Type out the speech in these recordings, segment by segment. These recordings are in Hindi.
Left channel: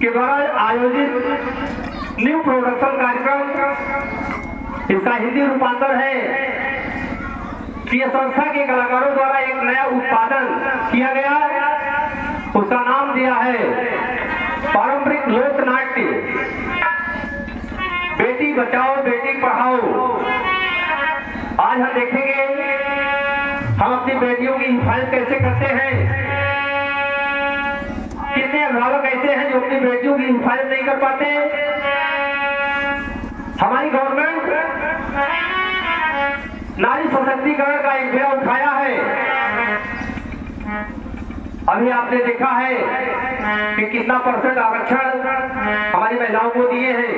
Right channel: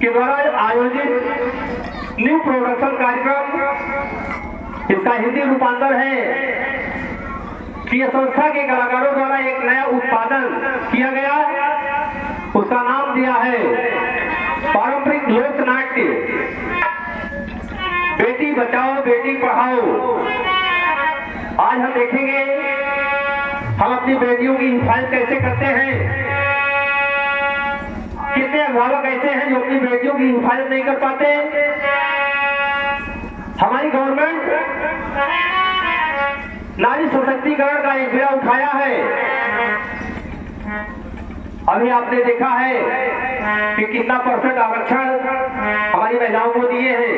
के द्वारा आयोजित न्यू प्रोडक्शन कार्यक्रम, इसका हिंदी रूपांतर है कि यह संस्था के कलाकारों द्वारा एक नया उत्पादन किया गया, उसका नाम दिया है पारंपरिक लोक नाट्य बेटी बचाओ बेटी पढ़ाओ। आज हम देखेंगे हम अपनी बेटियों की हिफाजत कैसे करते हैं, कितने अभिभावक ऐसे हैं जो अपनी बेटियों की हिफाजत नहीं कर पाते। हमारी गवर्नमेंट नारी सशक्तिकरण का एक बेड़ा उठाया है। अभी आपने देखा है कि कितना % आरक्षण हमारी महिलाओं को दिए हैं,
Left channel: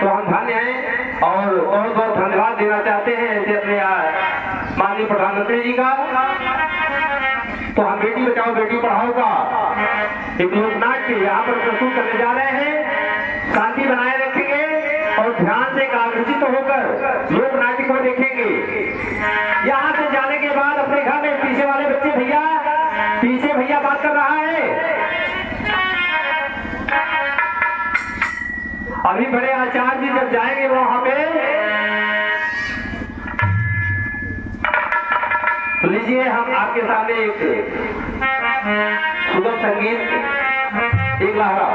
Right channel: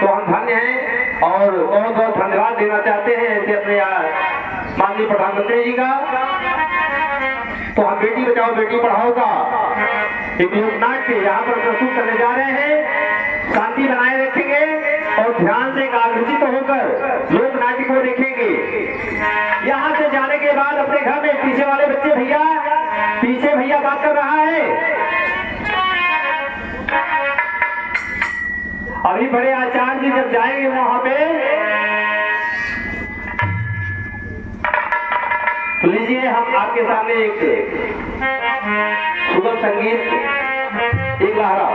तो हम धन्य हैं और बहुत बहुत धन्यवाद देना चाहते हैं ऐसे अपने माननीय प्रधानमंत्री जी का। तो हम बेटी बचाओ बेटी पढ़ाओ का एक लोक नाट्य यहाँ पर प्रस्तुत करने जा रहे हैं। शांति बनाए रखेंगे और ध्यान से एकाग्रचित होकर लोक नाट्य को देखेंगे। यहाँ से जाने के बाद अपने घर में पीछे वाले बच्चे पीछे भैया बात कर रहा है। अभी बड़े आचार्य जी जब जाएंगे वहां पे, तो लीजिए हम आपके सामने एक सुगम संगीत, एक लहरा।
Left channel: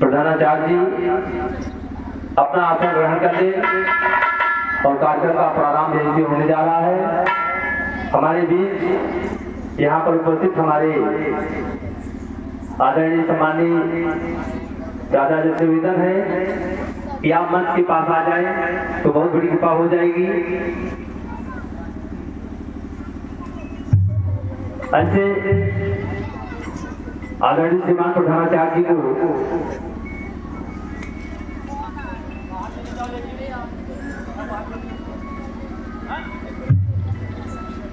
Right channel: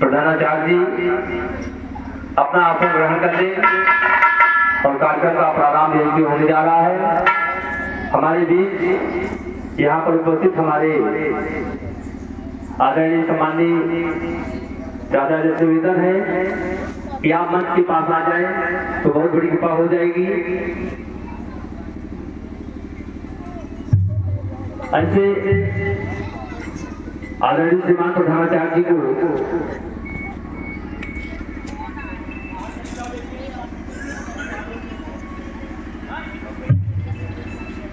प्रधानाचार्य जी अपना आसन ग्रहण कर ले और कार्यक्रम का प्रारंभ यहीं होने जा रहा है। हमारे बीच यहाँ पर उपस्थित हमारे आदरणीय सम्माननीय दादा जी से निवेदन है कि आप मंच के पास आ जाएं तो बहुत बड़ी कृपा हो जाएगी। ऐसे आदरणीय श्रीमान प्रधानाचार्य जी को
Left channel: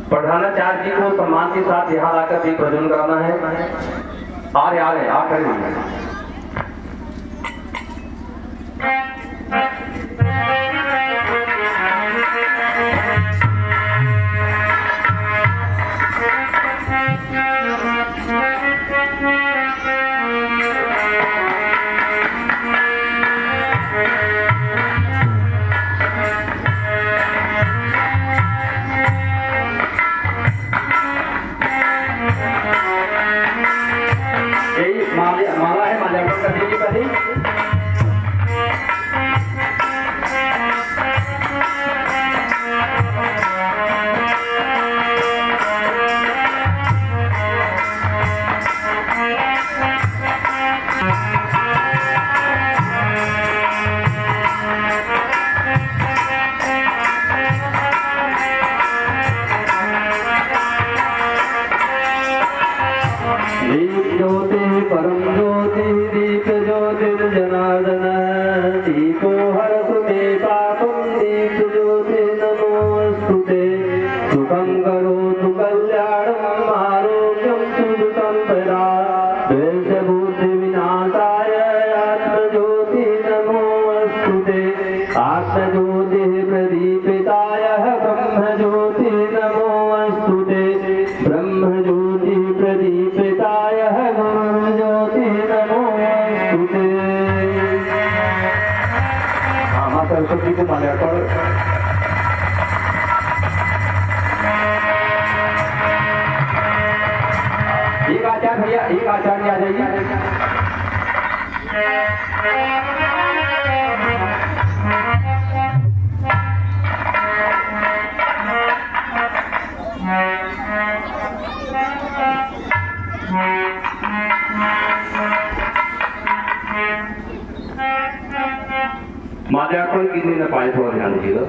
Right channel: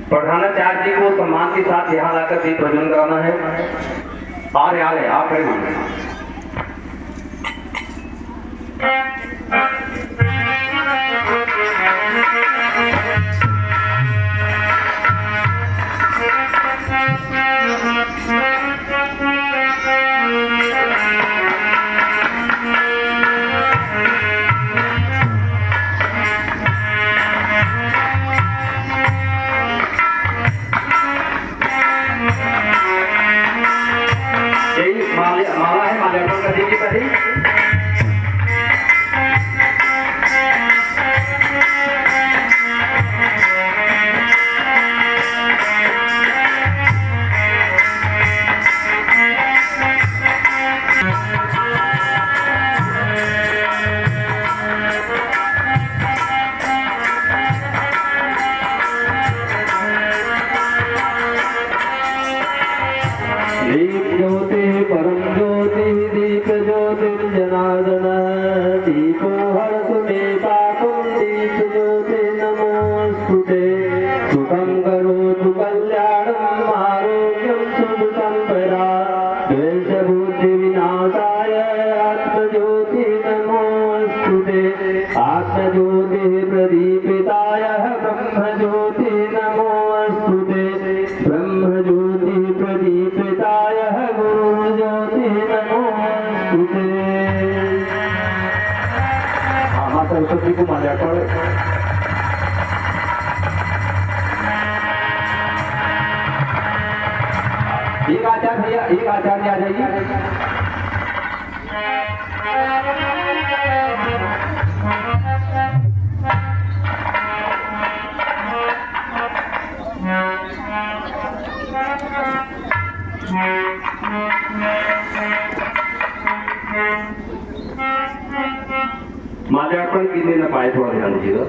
प्रधानाचार्य जी को सम्मान के साथ यहाँ लाकर दीप प्रज्वलन कराना है। आ रहे आप खड़े होंगे। यही माला है, माल्यार्पण कर दीजिए पहले। ज्योति परम ज्योति दीप ज्योतिर्जनार्दन दीपो हरतु मे पापं दीप ज्योति नमोस्तुते सुखं करोतु कल्याणम् आरोग्यं सुखं परा द्वेषबुद्धि विनाशाय आत्मज्योति नमोस्तुते आत्मज्योति प्रदीपिताय ब्रह्मज्योति नमोस्तुते ब्रह्मज्योति प्रदीपिताय गुरुज्योति नमोस्तुते। मां सरस्वती को माल्यार्पण। एक आचार्य भैया, एक आचार्य आ जाइए। माल्यार्पण गिरने न पाए, थोड़ा ध्यान दीजिएगा।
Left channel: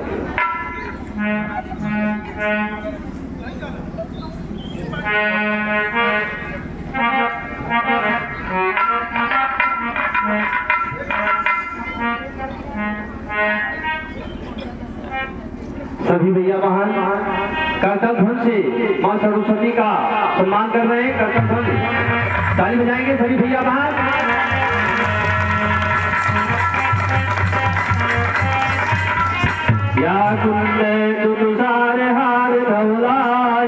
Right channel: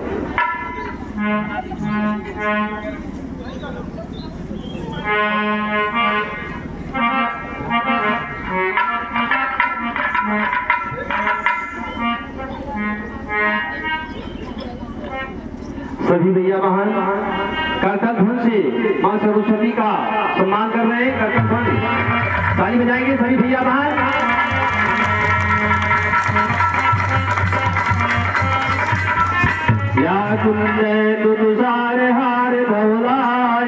सभी भैया बहन कीर्तन धुन से मां सरस्वती का सम्मान कर रहे हैं। कीर्तन धुन ताली बजाएंगे सभी भैया बहन। या कुंद दुदुसार हार धौला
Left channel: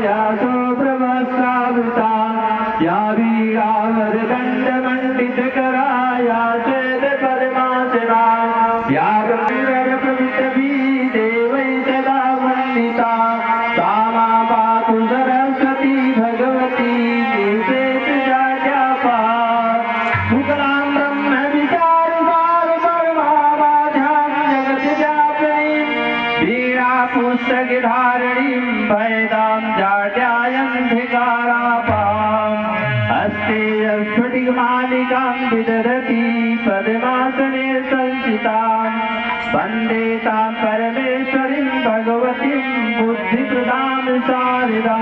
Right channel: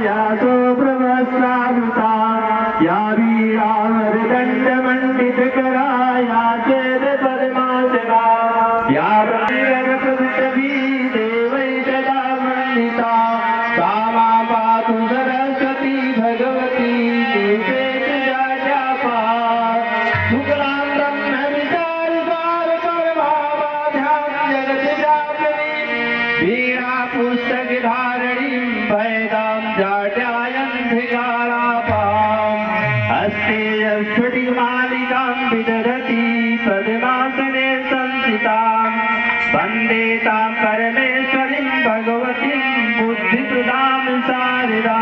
या तो प्रवस्त्रावृता या वीरावर दंड मंडित करा या चेद परमात्मा या गंगर प्रविष्टभी देवै सदा वंदिता तामा पातु सरस्वती भगवती निर्वेद जाड्यापा मुकलां ब्रह्म विचार सार परमावाध्यां जगत व्यापिनी वीणा पुस्तक धारिणी वेदां जाड्यायन्धिकारापां हस्ते स्फटिकमालिकां विदधति पद्मासने संस्थितां वन्दे तां परमेश्वरीं भगवतीं बुद्धिप्रदां शारदां।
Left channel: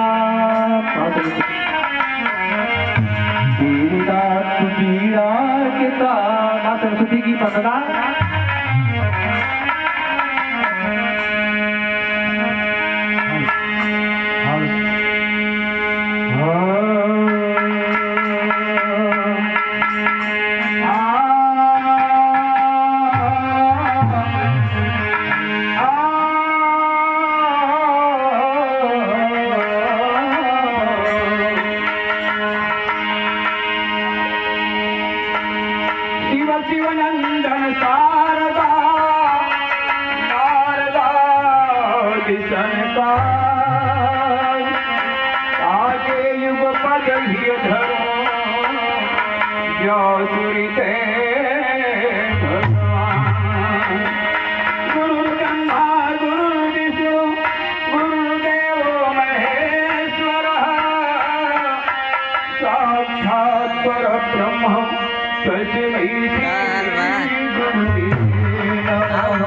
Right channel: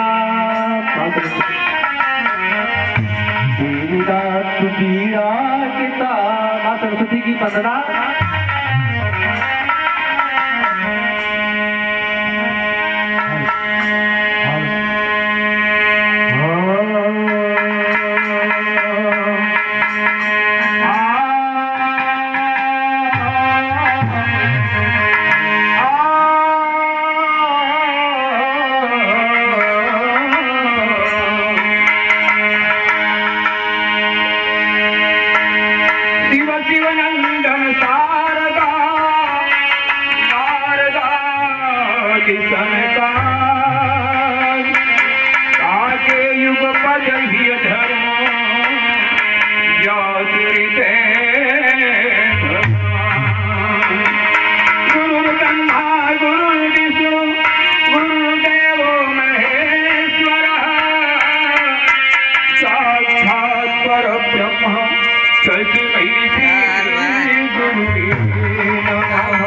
पीड़ा मां सरस्वती की वंदना। शिवनंदन शारदा शारदा किशन का आगे युग पद ही धर्म ज्योतिरिते गुरु ब्रह्मा गुरु विष्णु गुरुदेव महेश्वर साक्षात् परब्रह्म तस्मै श्री गुरुवे नमः।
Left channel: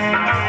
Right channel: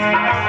Yeah.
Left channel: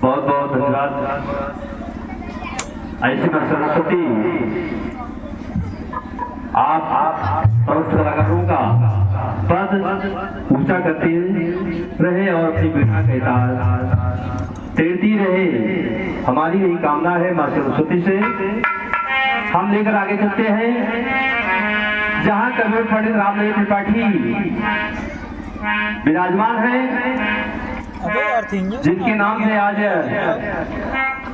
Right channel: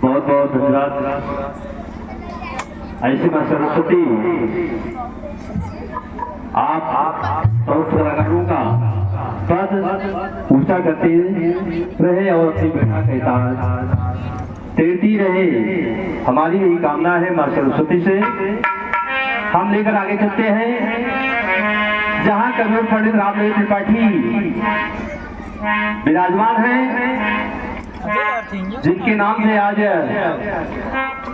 बहुत बहुत धन्यवाद। ऐसी मैं सरस्वती आप पवित्र लगा दूंगा, पद ऊंचा करते रहे और अपनी बेटा के साथ तैरती रहे। हमारी यही कामना है मां सरस्वती से। हम लेकर आगे चलते हैं जहां कबीर पंडित रामदेव त्रिपाठी विराजमान हैं, जिनके नाम से आज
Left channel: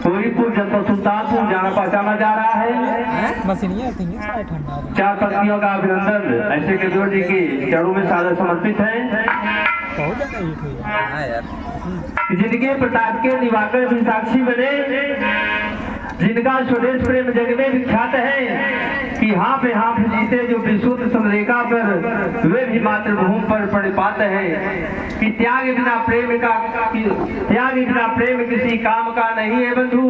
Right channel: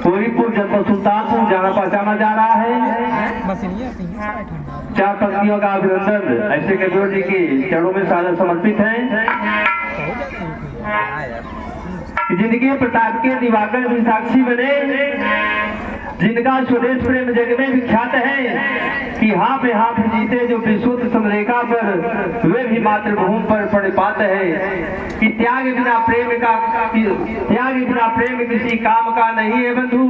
कोरीपुर जनपद सुल्तानपुर जाना पहचाना जा रहा है। चार पंक्तियों का अभिनंदन ऐसे कबीर जी के चरणों में सादर समर्पित है। जिनके प्रताप के दिवाकर भी साक्षी बने, जिनका स्वदेश प्रेम जग में विख्यात है कि हाँ पे हाँ जीते जो विशुद्ध समरेखा पर वे भी मातृभूमि पर परिपात है कि त्याग बिना प्रेम किसी काम का नहीं है बंधु,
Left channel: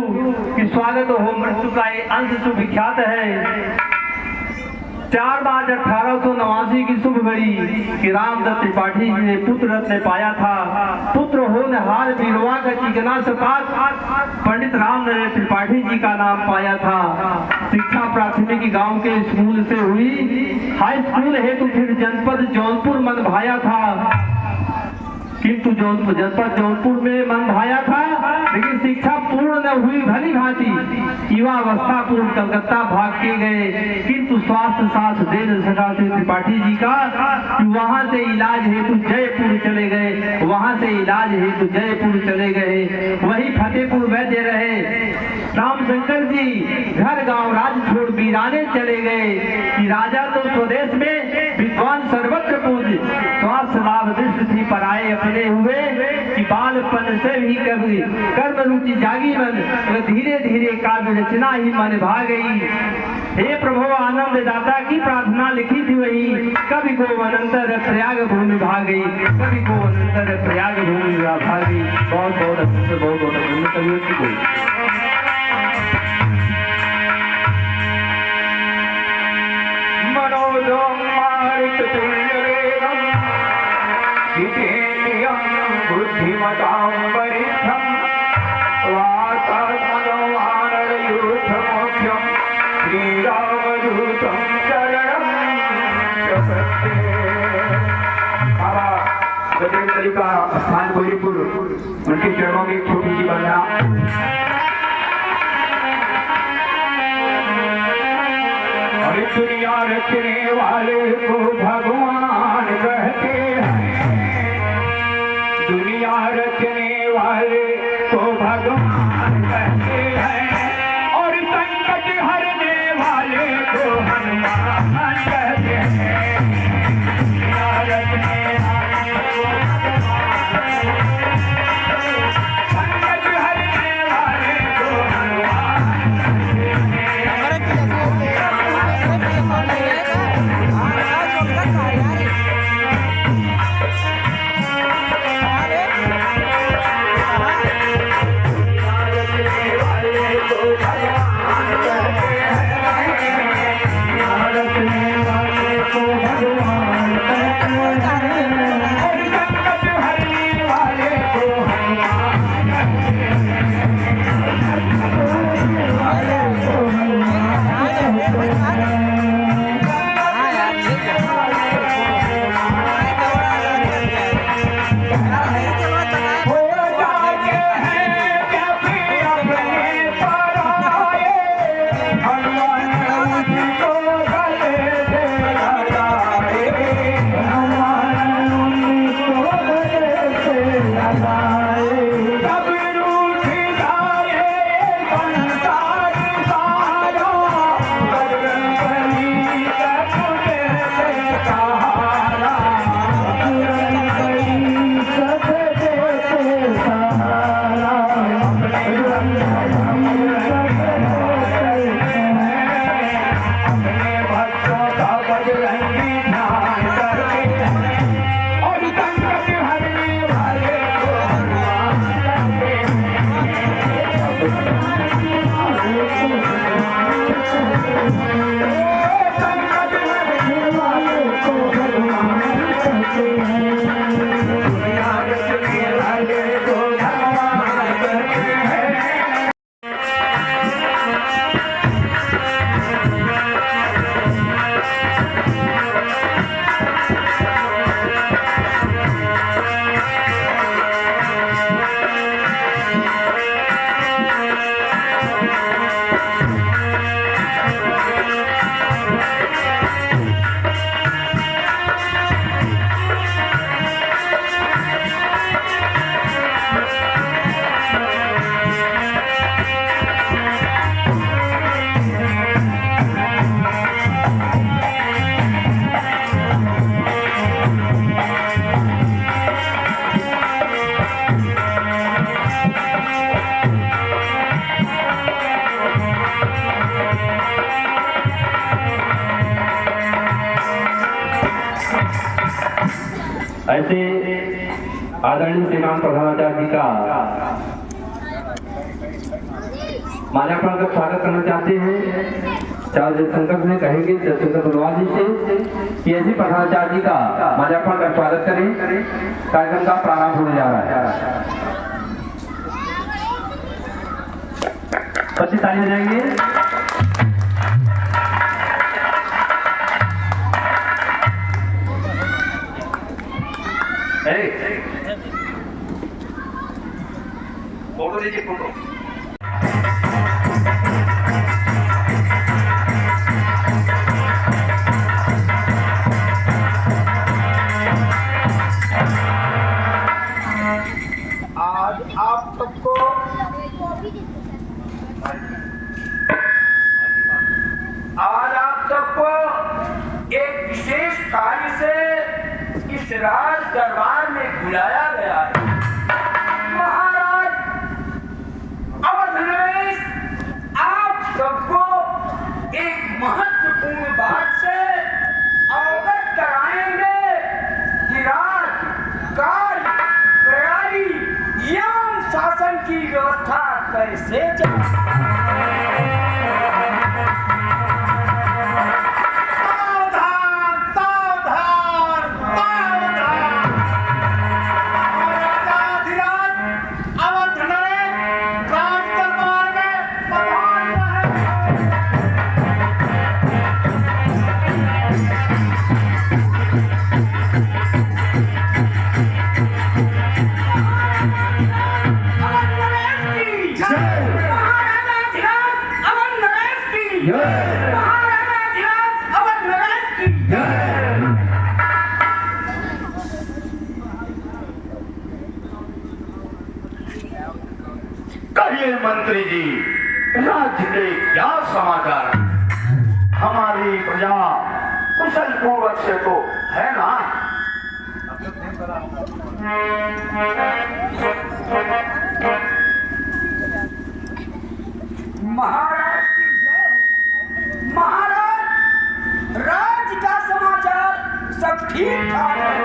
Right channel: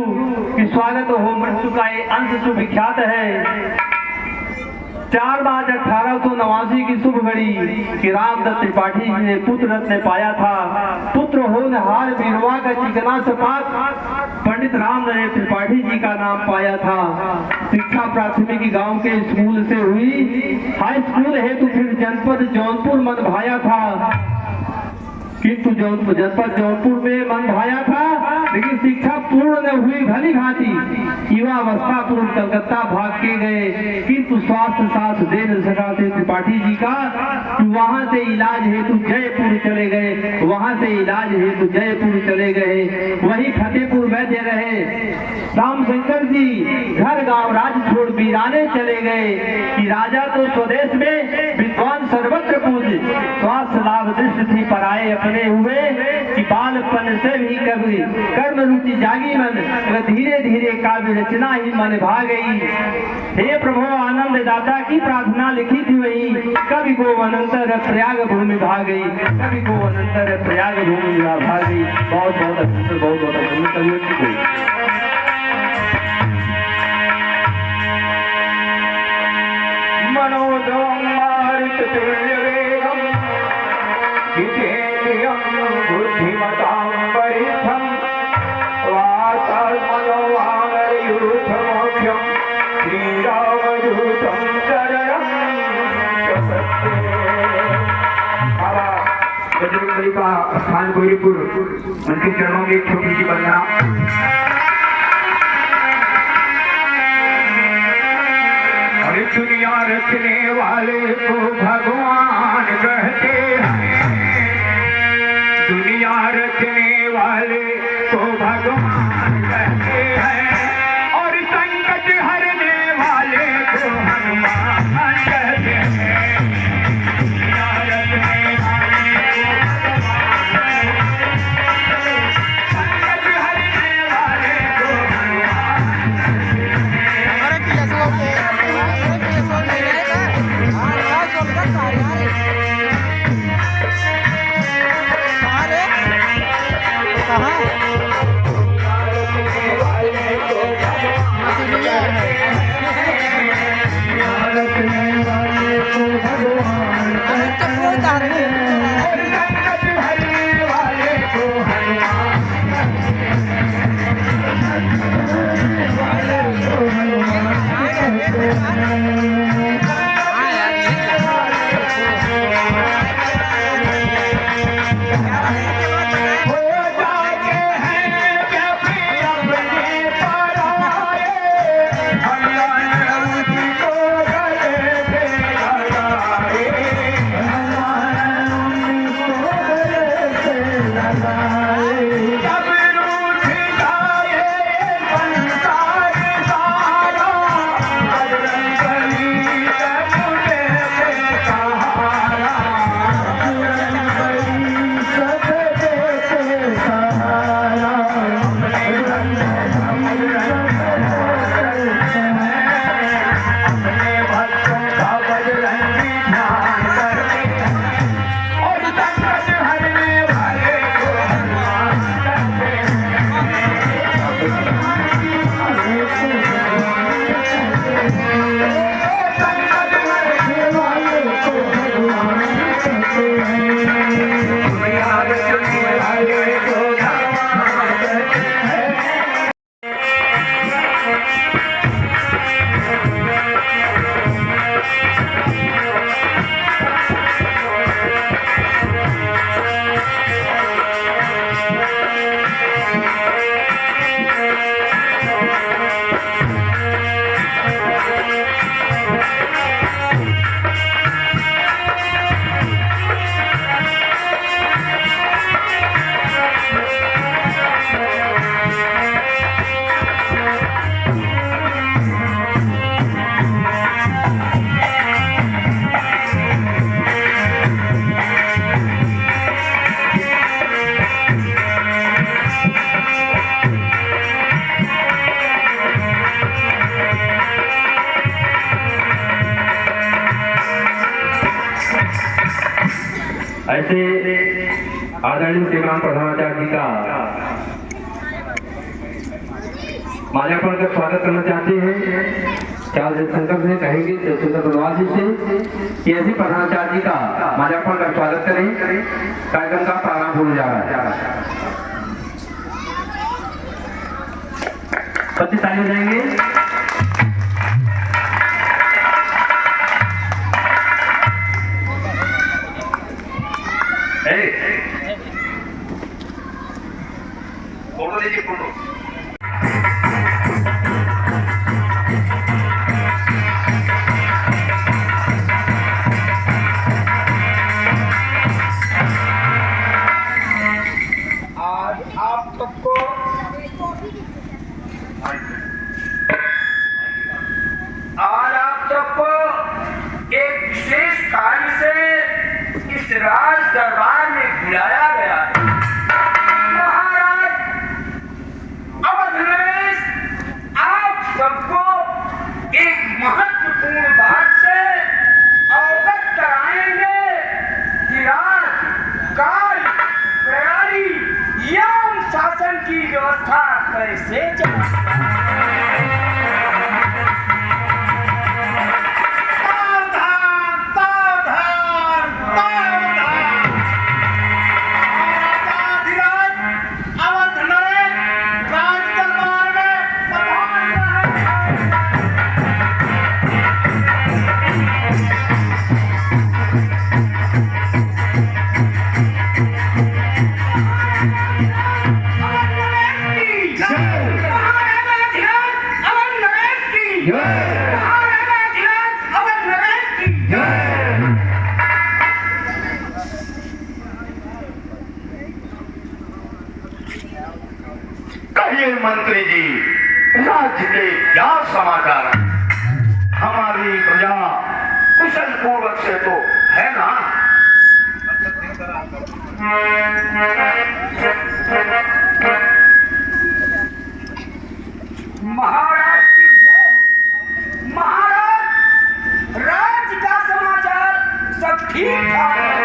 कि स्वागत हो मृत्यु का ये अंश सुविख्यात है। 4 मार्च 1889 की शुभ घड़ी कि रामदत्त त्रिपाठी जी ने पुत्र रत्न पाया था। पुत्र होनहार बीरवा का चिकना सपाट पंडित रामदेव त्रिपाठी जी का नाम पाया था। शिक्षा प्राथमिक गांव के स्कूल से हुई, हाई स्कूल हेतु फिर जनपद जौनपुर मन भाया था, किंतु जनपद जौनपुर में मन भाया था, लेकिन शिक्षा पूर्ण न हुई भली भांति। युवावस्था पूर्व कलकत्ता भाग के गए, किंतु स्वास्थ्य साथ दे न सका थे त्रिपाठी जी का। वहां से इलाज हेतु जयपुर चले गए, वहां से इलाज हेतु जयपुर चले गए। वही फतेहपुर वैद्य रहे। रामशंकर जी घर गांव राज छोड़ वीराने चले गए कि राजा तो स्वदेश में विद्वान सर्वत्र पूज्य, स्वास्थ्य लाभ दृष्टि थी पराए अपने हुए कि बालपन से भी कर्म रुचि जागी मन, धीरे धीरे काव्य रचना ही मन भा गई। हे प्रभु आनंद दाता की प्रार्थना लिखी थी वही, कभी को अनंतर प्रयाग भूमि भा गई, कभी को अनंतर प्रयाग भूमि भा गई। बहुत बहुत अभिनंदन, बहुत बहुत अभिनंदन। मनोजों मारुत तुल्यवेगं जितेन्द्रियं बुद्धिमतां वरिष्ठं वातात्मनोवानरयूथमोक्षं श्रीरामदूतं शरणं प्रपद्ये। बाबा बजरंगबली का स्थान कोरीपुर, उनके चरणों में एक छोटी सी वंदना। दुनिया रखने वाले को भगवान कहते हैं, दुनिया रखने वाले को भगवान कहते हैं, और संकट हरने वाले को हनुमान कहते हैं। दुनिया रखने वाले को भगवान, संकट हरने वाले को हनुमान। ऐसे आदरणीय श्रीमान प्रधानाचार्य जी का माल्यार्पण का स्वागत करना चाहते हैं। चार शंकर से कहेंगे शंकर बलवाल जी से कि ऐसे प्रधानाचार्य जी का माल्यार्पण का स्वागत करें। कार्यक्रम का प्रारंभ होने जा रहा है। 25 तालियां जाएंगे। फोटो दीजिए, फोटो। आज आप सबको एक विशेष कार्य से इस राज दरबार में बुलाया गया है। महाराज अवध नरेश आप सबको एक महत्वपूर्ण बात से अवगत कराएंगे कि राज कार्य प्रणाली एवं शासन की व्यवस्था कैसे कहिए मंत्री जी, राज्य के क्या समाचार? हमारी प्रजा कुशल पूर्वक से तो है ना? महाराज की जय हो। महाराज राज्य का समाचार सब ठीक ठाक है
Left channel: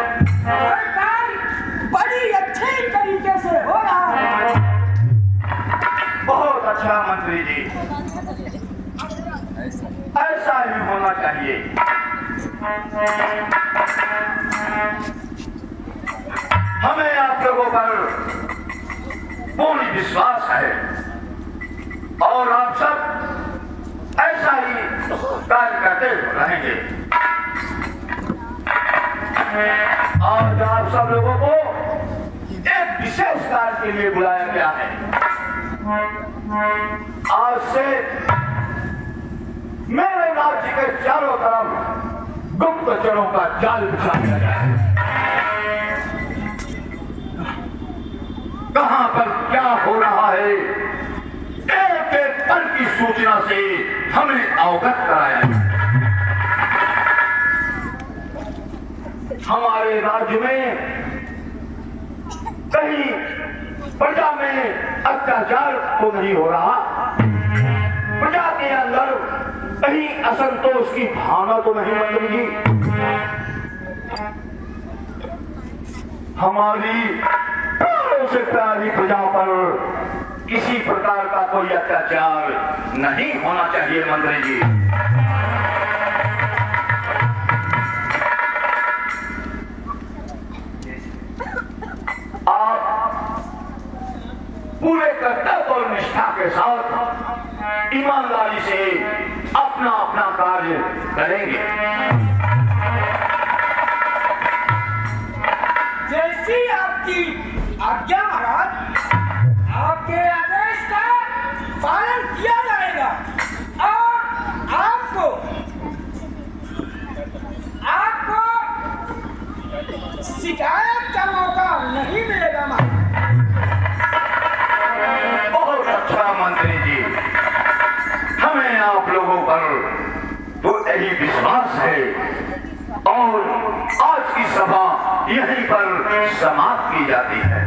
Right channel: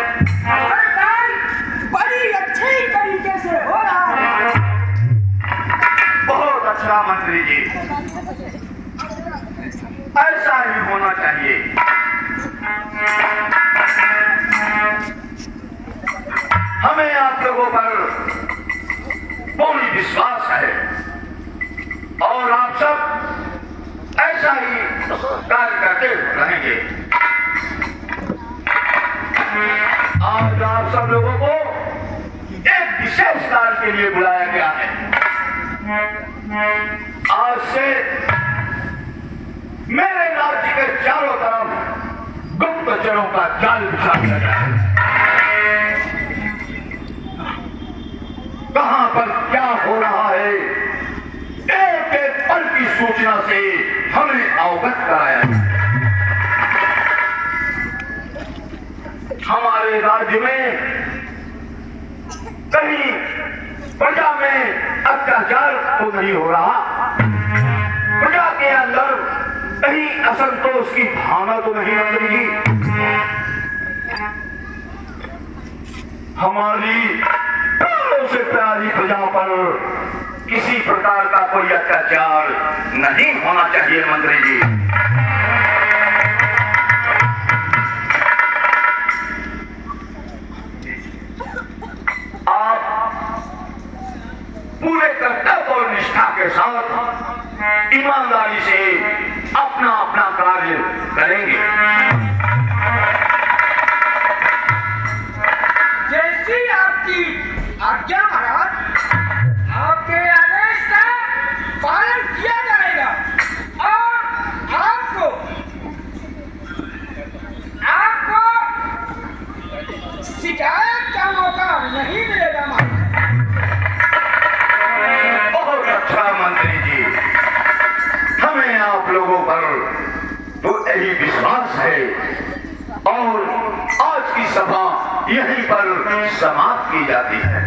और काम बड़ी अच्छी तरीके से हो रहा है। बहुत अच्छा मंत्री जी, ऐसा ही होना चाहिए। हमें आप लोगों पर पूर्ण विश्वास है और आप सब ऐसा ही कार्य करते रहेंगे। आज आप सब लोगों को एक विशेष कार्य के लिए बुलाया गया है। आज से मेरे राज्य के चारों तरफ गुप्तचरों का जाल बिछा दिया जाए। कहां पर क्या हो रहा है, एक एक पल की सूचना से हमें अवगत कराया। हमारे राज्य में कहीं प्रजा में अत्याचार तो नहीं हो रहा, प्रजा के अंदर कहीं असंतोष की भावना तो नहीं बन रही। हमारी प्राणों से प्यारी प्रजा पर किसी प्रकार का कोई अत्याचार नहीं होना चाहिए मंत्री जी। पूरे कर्तव्य और निष्ठा के साथ ईमानदारी से अपना अपना कार्य करेंगे। जैसी आपकी आज्ञा महाराज, आपके आदेश का पालन किया जाएगा और आपको शिकायत का मौका नहीं मिलेगा महाराज। बहुत अच्छा मंत्री जी, हमें आप लोगों पर तो यही विश्वास है और आज की सभा यहीं पर समाप्त की जाती है।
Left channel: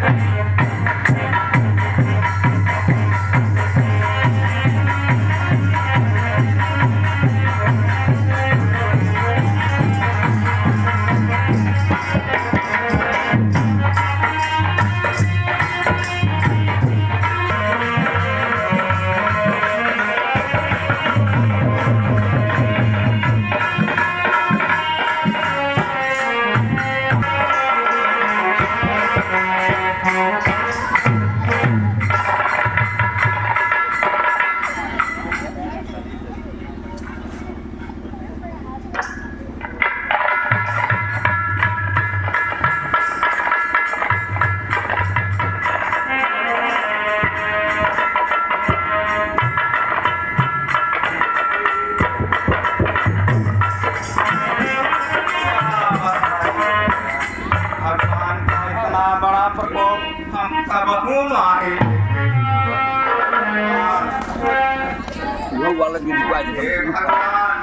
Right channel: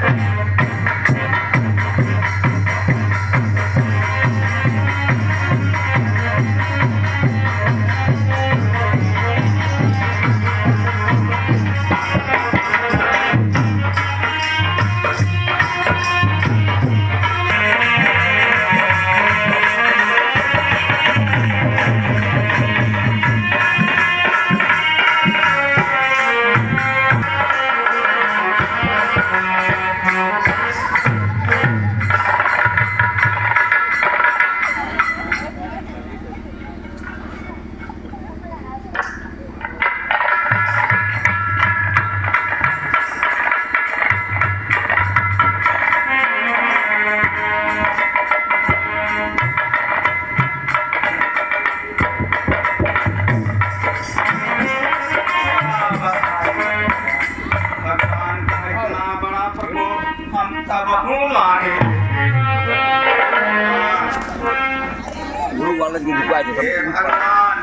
हे भगवान,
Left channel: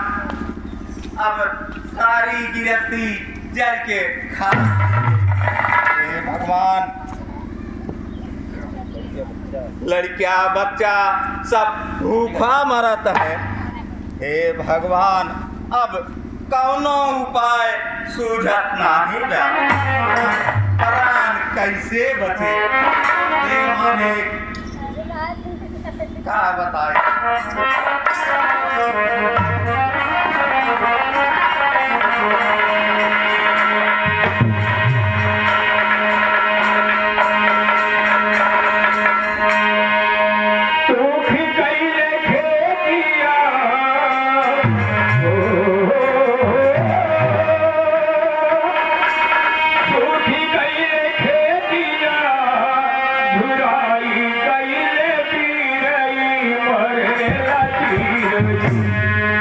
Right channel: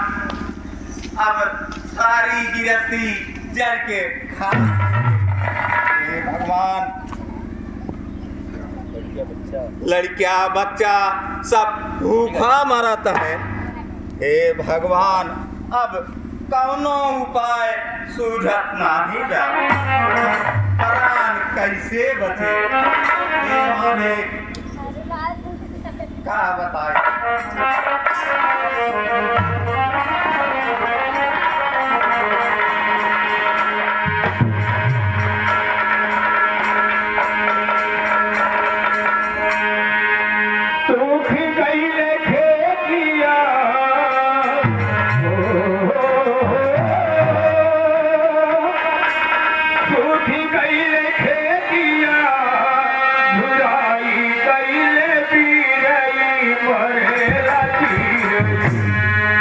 अब सारी गिरफ्ती जल के खा। हे भगवान, लड़किया बच्चा सब भूखा मरत है। हे भगवान, अब कौनो उपाय सूझत नहीं बा। प्राण कैसे बचे? हे मालिक, का बताए?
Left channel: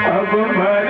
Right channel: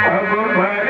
अब मर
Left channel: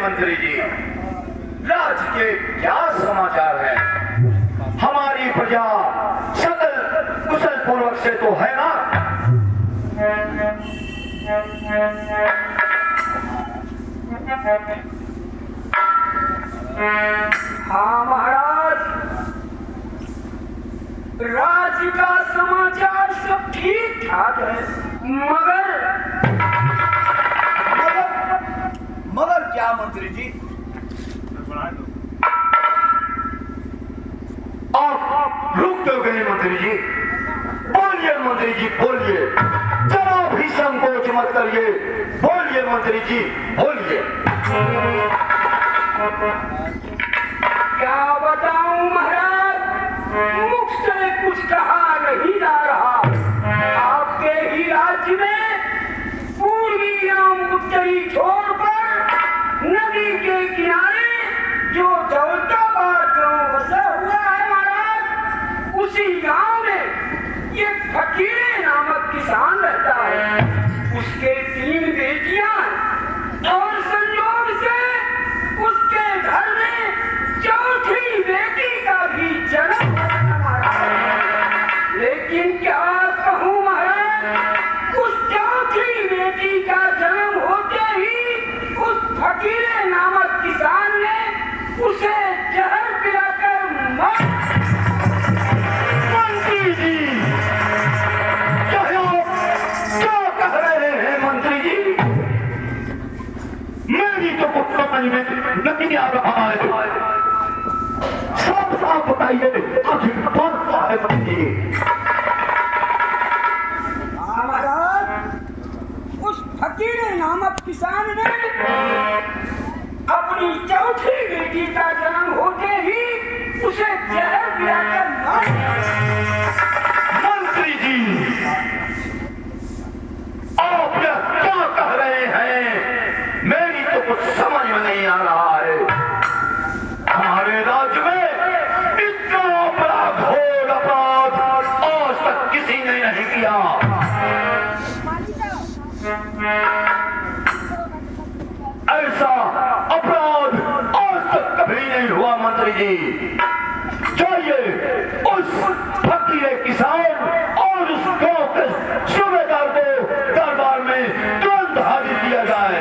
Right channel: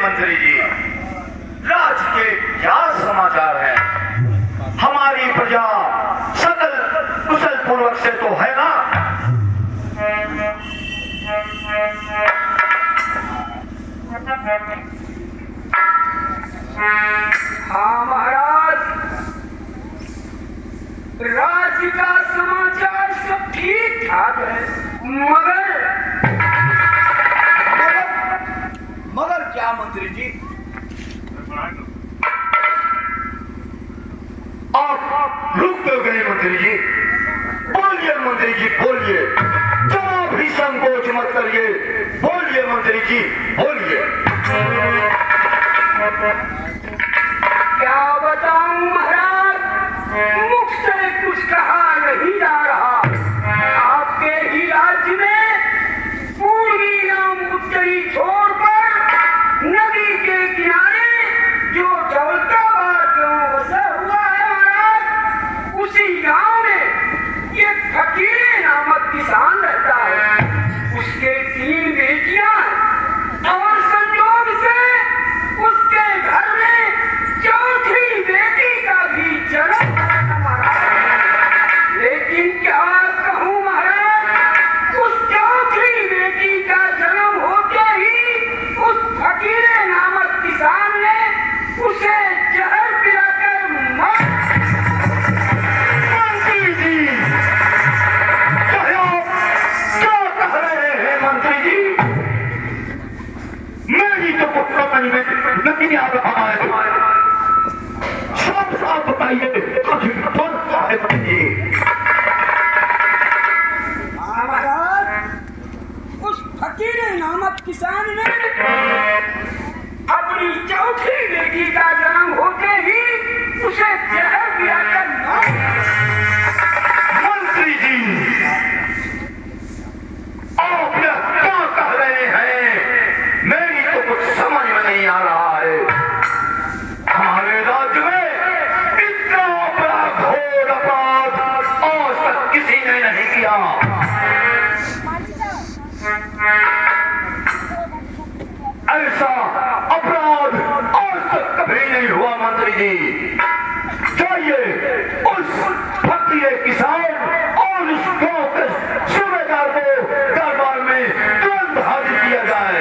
मंत्री जी, राज्य के क्या समाचार है? हमारी प्रजा सकल कुशल पूर्वक से तो है ना? हाँ महाराज, राज्य का समाचार सब ठीक ठाक है, मगर क्या मंत्री जी? आप रुक क्यों गए मंत्री जी? बोलिए मंत्री जी, बोलिए। जरा भी भी संकोच मत करिए। बोलिए मंत्री जी, बोलिए। क्या बताऊं महाराज, मुख से कुछ कहा नहीं जा रहा। आपके ही राज्य में पूर्वी एवं उत्तरी छोर पर नदी के किनारे जो दौलताबाद गांव बसा हुआ है महाराज, उसी गांव में एक फकीर नामक किसान रहता है। उसके 3 बेटियां और संयोग से उसके घर में चौथी बेटी का भी जन्म महाराज। लेकिन क्या कहूँ महाराज, उस चौथी बेटी का जन्म होते ही उस फकीर नामक किसान ने उसे जहर पिलाकर मार। मंत्री जी, क्या कह रहे हैं मंत्री जी? मेरी तो कुछ समझ में नहीं आ रहा है। साफ साफ बताइए, आखिर कौन सा है मंत्री जी? महाराज, उस फकीर नामक किसान ने अपनी चौथी बेटी का जन्म होते ही उसे जहर पिलाकर मार। मंत्री जी, आप यह क्या कह रहे हैं? मेरी तो कुछ समझ में नहीं आ रहा है। हमारे राज्य में इतना बड़ा घोर अपराध आज तक किसी ने नहीं किया। ऐसा अपराध आज तक कभी नहीं हुआ मंत्री जी। चाहिए उस फकीर किसान और उस गांव के सूबेदार को दरबार में तुरंत हाजिर किया जाए।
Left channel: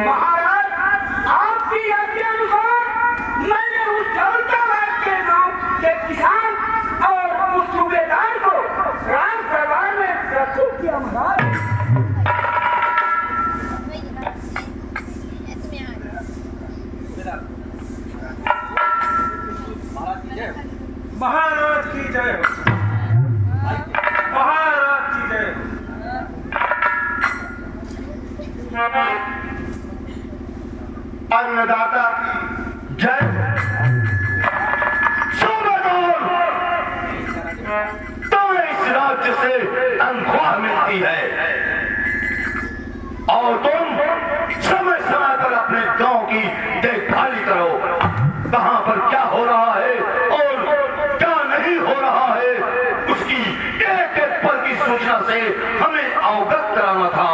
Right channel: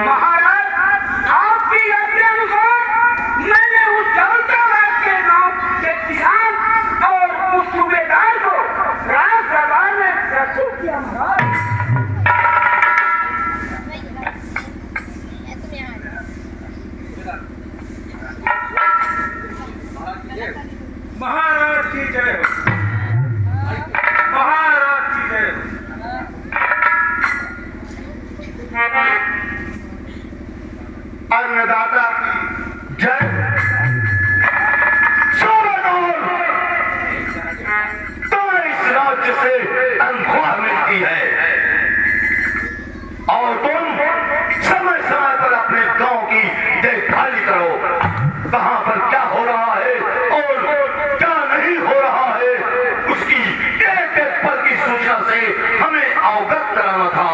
महाराज, आपकी आज्ञा अनुसार मैंने उस दौलताबाद के गांव के किसान और उस सूबेदार को राज दरबार में प्रस्तुत किया महाराज। महाराज की जय हो, महाराज की जय हो। अन्नदाता की जय। सूबेदार, तुम्हें इस राज्य से तनख्वाह मिलती है और तुम समय समय पर अपने गांव की देखभाल करो। कहां पर क्या हो रहा है और क्या नहीं हो रहा है, उसकी एक एक पल की सूचना से हमें अवगत कराना था,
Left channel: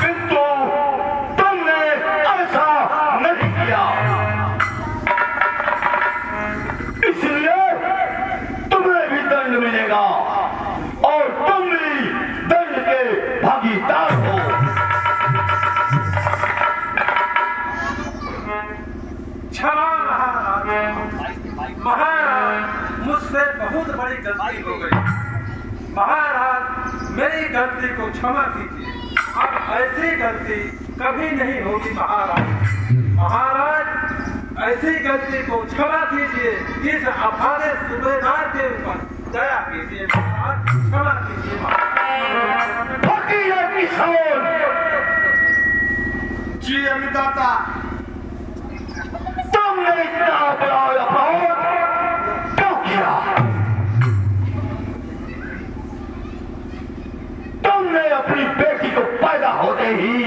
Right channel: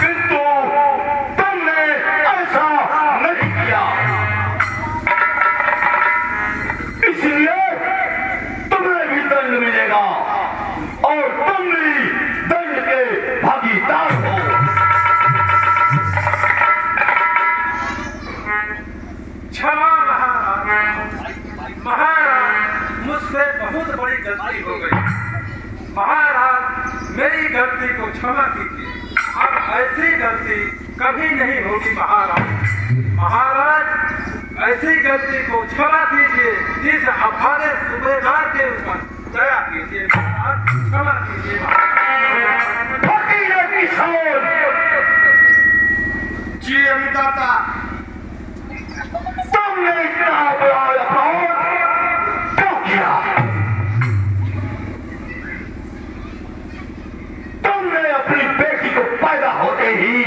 किंतु तुमने ऐसा नहीं किया। इसलिए तुम्हें भी दंड मिलेगा और तुम भी दंड के भागीदार हो। क्षमा महाराज, मुझसे बहुत बड़ी गलती हो गई। महाराज, मेरी गलती को क्षमा कीजिए। अब ऐसी गलती कभी नहीं होगी महाराज, ऐसी गलती को क्षमा कीजिए। इस अभागे सूबेदार के ऊपर दया कीजिए महाराज, क्षमा कीजिए जी। अन्नदाता, तुमने इतना बड़ा अपराध क्यों किया? तुमने अपनी बेटी को पैदा होते ही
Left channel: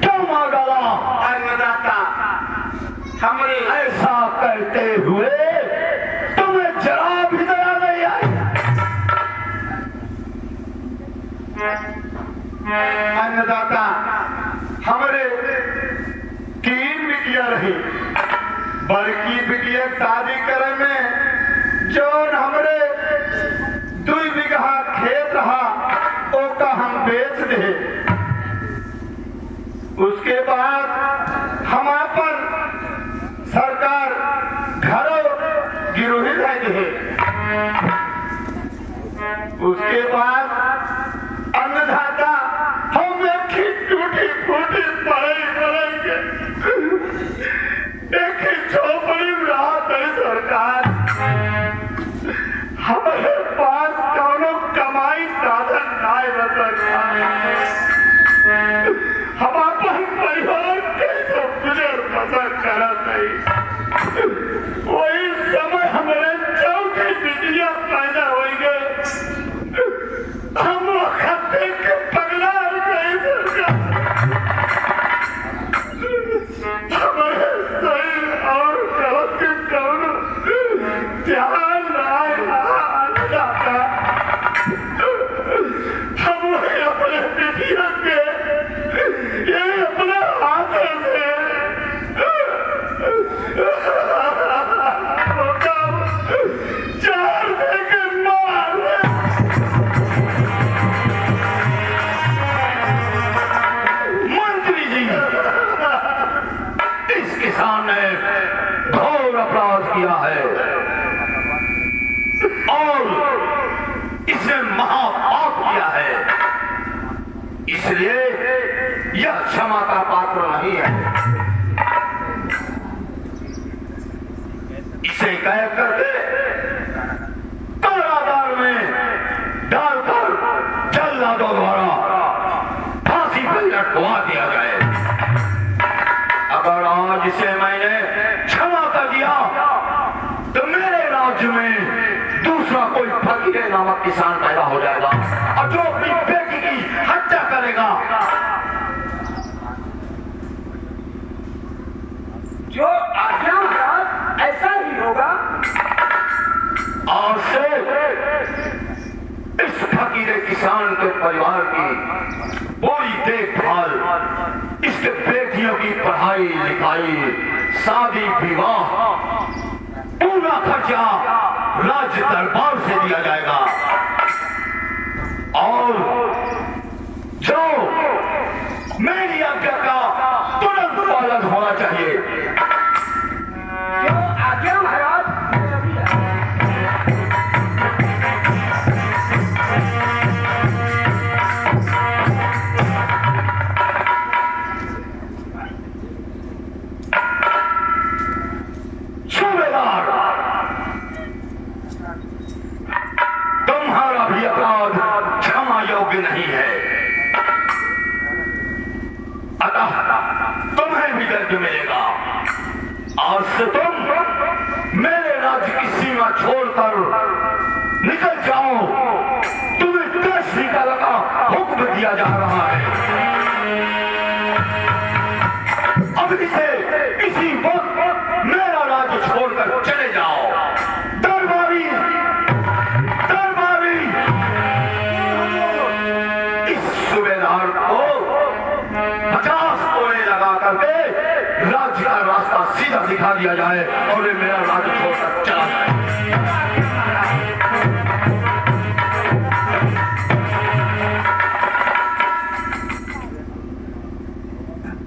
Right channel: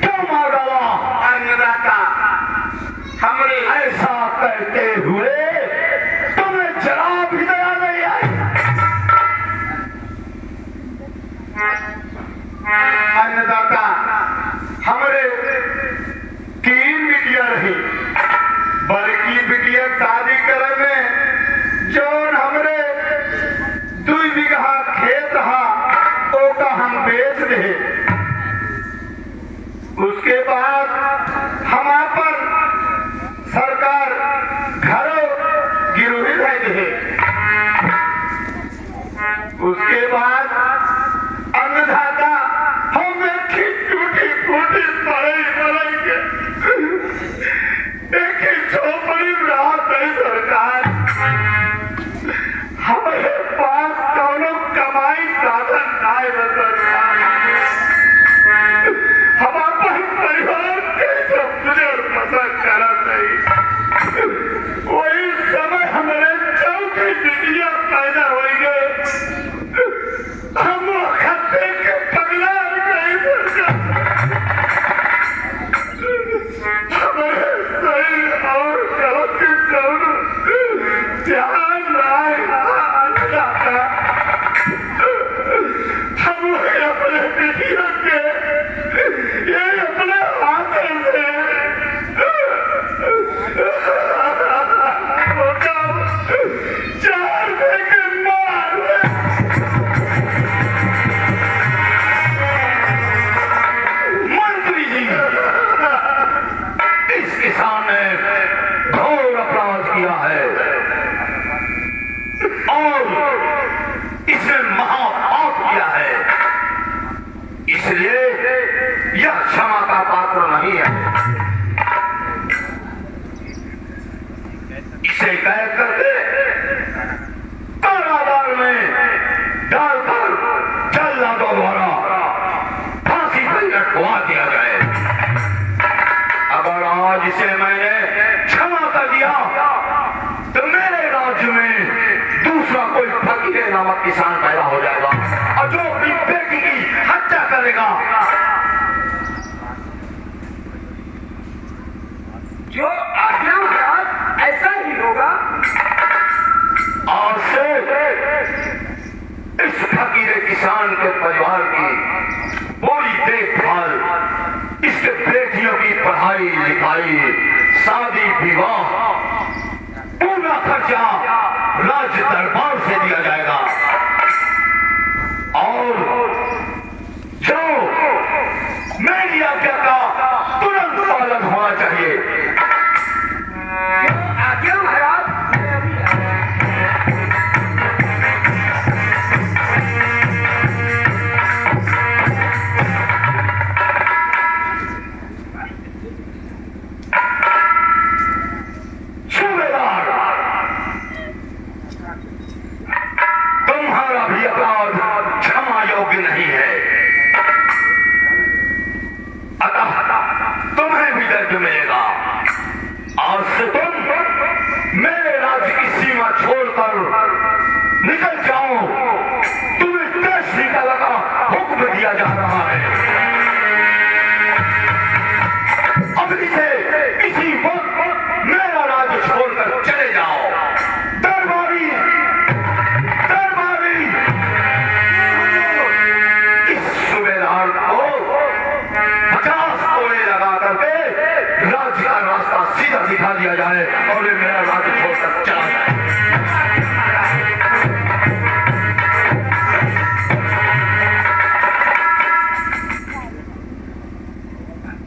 क्यों मार डाला? अन्नदाता, हमने ऐसा करते हुए तुम्हें जरा भी दया नहीं आई। अन्नदाता, हमारे 3 बिटिया रही, बल्कि बिटिया शादी करे में जौन हमरे 2 बीघा खेत रहा ओका हम बेच दे। उसके बाद हम अपन सरकार घरों गिरोही दे। उसके बाद आए हम अपन परिवार कैसे तुझे पसंद करा नहीं वही समय हमारे चौथी बिटिया पैदा हुई गए हम खत्ते के पगला गए हमारे सही और गलत के दोनों ध्यान जाता हम अपने बिटिया के ये अपने हाथ से चार के मार मंत्री जी इस किसान ने घोर अपराध किया है और इसने महापाप किया है इसलिए यह क्षमा का पात्र नहीं है इसे कह करके कारागार में डालकर जल्लादों द्वारा फांसी पर लटकवा दिया जाए अगर आज इसे मैंने क्षमा कर दिया तो मेरे राज्य में दूसरा कोई फकीर नामक किसान पैदा हो जाएगा और जो अपनी बेटी की हत्या करेगा जो आज्ञा महाराज ऐसा ही होगा आज से इस फकीर किसान के परिवार की पूरी देखभाल इसके बेटियों की पढ़ाई लिखाई शादी विवाह पूरा खर्चा राज्य दरबार से दिया जाएगा और जो मेरी आज्ञा का तुरंत पालन होना चाहिए जो आज्ञा महाराज मेरी है। सूबेदार तुम्हारा भी अपराध क्षमा योग्य नहीं है अतः तुम्हें भी दंड मिलेगा आज से तुम मेरे राज्य की सीमा छोड़कर निकल जाओ तुम्हें देश निकालने का हुक्म दिया जा रहा है अब इसे इसी वक्त मेरा राज्य छोड़कर चले जाओ दरबारी दरबारी इस सूबेदार को 50 कोड़े लगा करके राज्य का रास्ता सीधा दिखा दिया जाए और ये मेरा राज्य छोड़कर चला जाए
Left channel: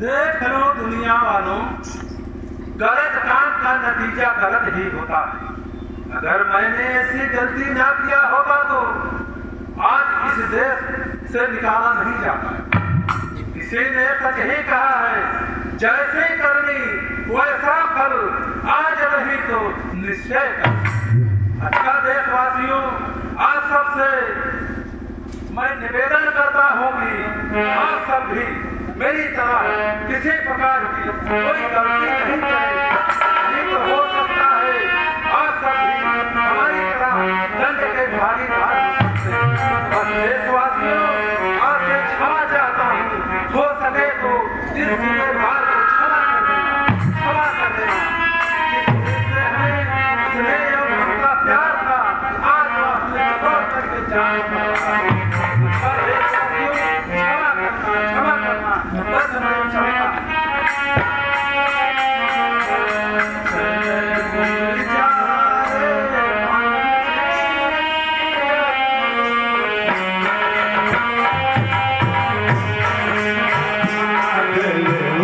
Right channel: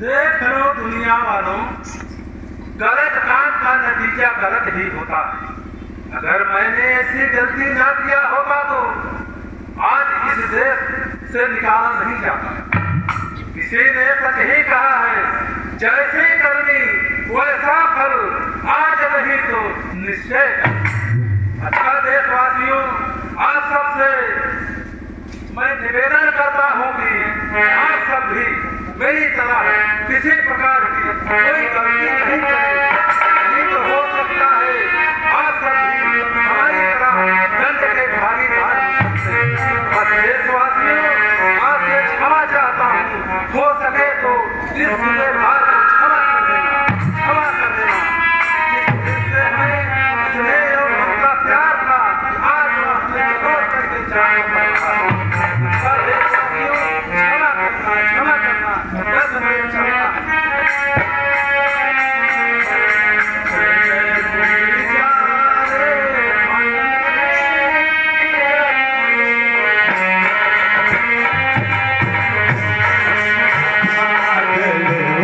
देख लो दुनिया वालों गलत काम का नतीजा गलत ही होता है अगर मैंने ऐसी गलती ना किया होगा तो आज इस देश से निकाला नहीं जाता किसी ने सच ही कहा है जैसे करनी वैसा फल आज नहीं तो निश्चय कर अच्छा देशवासियों आज सबसे मैं निवेदन करता हूँ कि आप सब भी मेरी तरह किसी प्रकार की कोई गलती नहीं करें नहीं तो हो सकता है आप सब भी हमारी तरह दंड के भागीदार बस देशवासियों आपसे क्षमा चाहता हूँ हो सके तो इस भार को क्षमा कर देना जिससे हमें स्नेह और उनका प्यार था आज वह अपने छोड़ करके जाने पर देशवासियों क्षमा करना बस हमें चाहता है Yeah.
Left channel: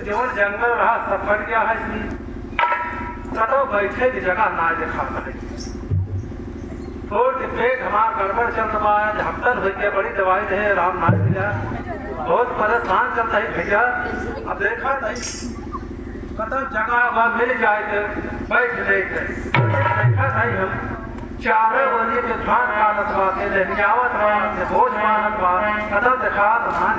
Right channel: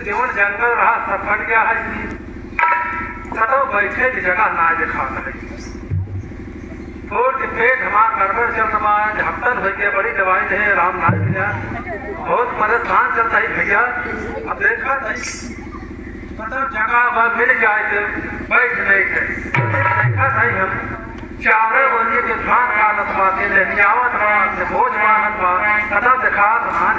जो जंगल रहा सब कट गया है जी। कतो बैठे की जगह ना देखा है। छोड़ के पेट हमारा गड़बड़ चल रहा है, झपटन हो गया, बड़ी दवाई नहीं आराम ना मिला, बहुत परेशान चलता है भैया। अब देखा नहीं कतो जगह अब मिल जाए तो बैठ नहीं थे। देखा नहीं हम 4 बजे के धान पालत बा के लहनियावत बा के भोज मानत बा, कतो देखा धान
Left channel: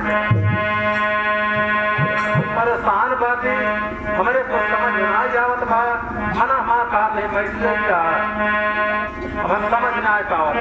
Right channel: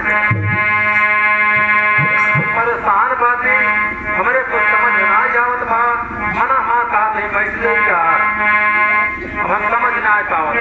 परेशान बाती हमारे को समझ ना जावत बा। मना हाँ कहा नहीं बैठ जाएगा, अब हम समझ ना पावत।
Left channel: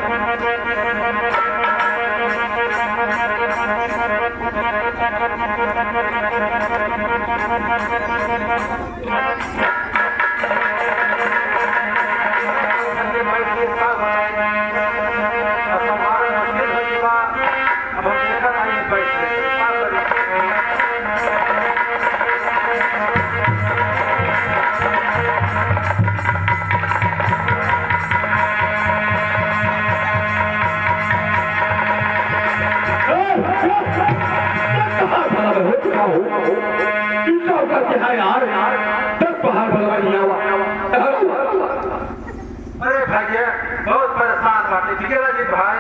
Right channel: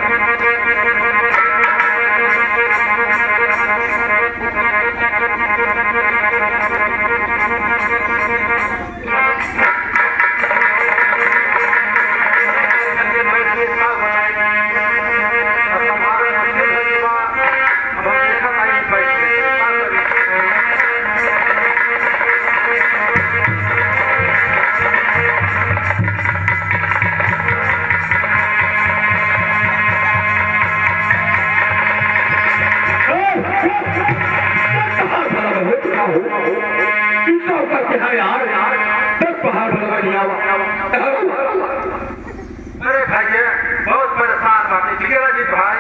अरे भैया बहुत परेशान बातें जी भाई,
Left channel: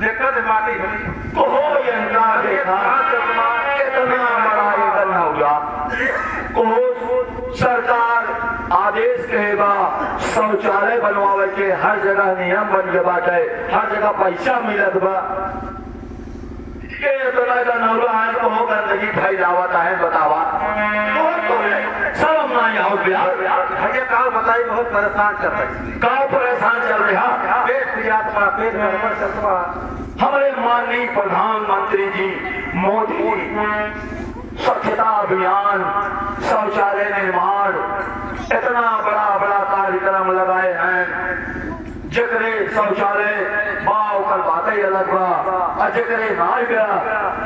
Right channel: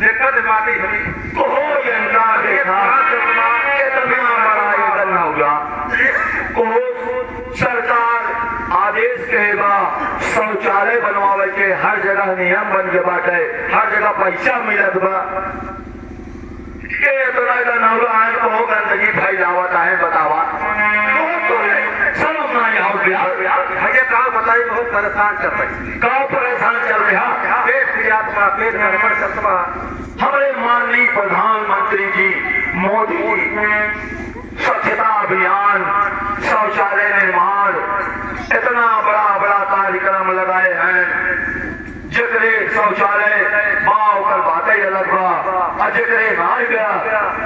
दिक्कत बातें हुई देखा कितना बड़ा ये करना हुआ। सरकार आदेश कहेगा शौचालय बनवावे के हर जगह नियम बन के बाटे, हर जगह पैसा मिलत बा के इतना नौरा है को गंदगी फैलावत है बतावा शर्म ना आओ भैया का बताई बहुत परेशान चल रही का परेशान चल रहा पेट क्रियात्मा पेट गड़बड़ चलता। हमारे माननीय प्रधानमंत्री जी मोदी स्वच्छता अभियान, शौचालय निर्माण, इतना बड़ा बड़ा कार्यक्रम लगाए हैं। जकरे शौचालय माँ ओकर बातें अलग बा, और जकरे मार गया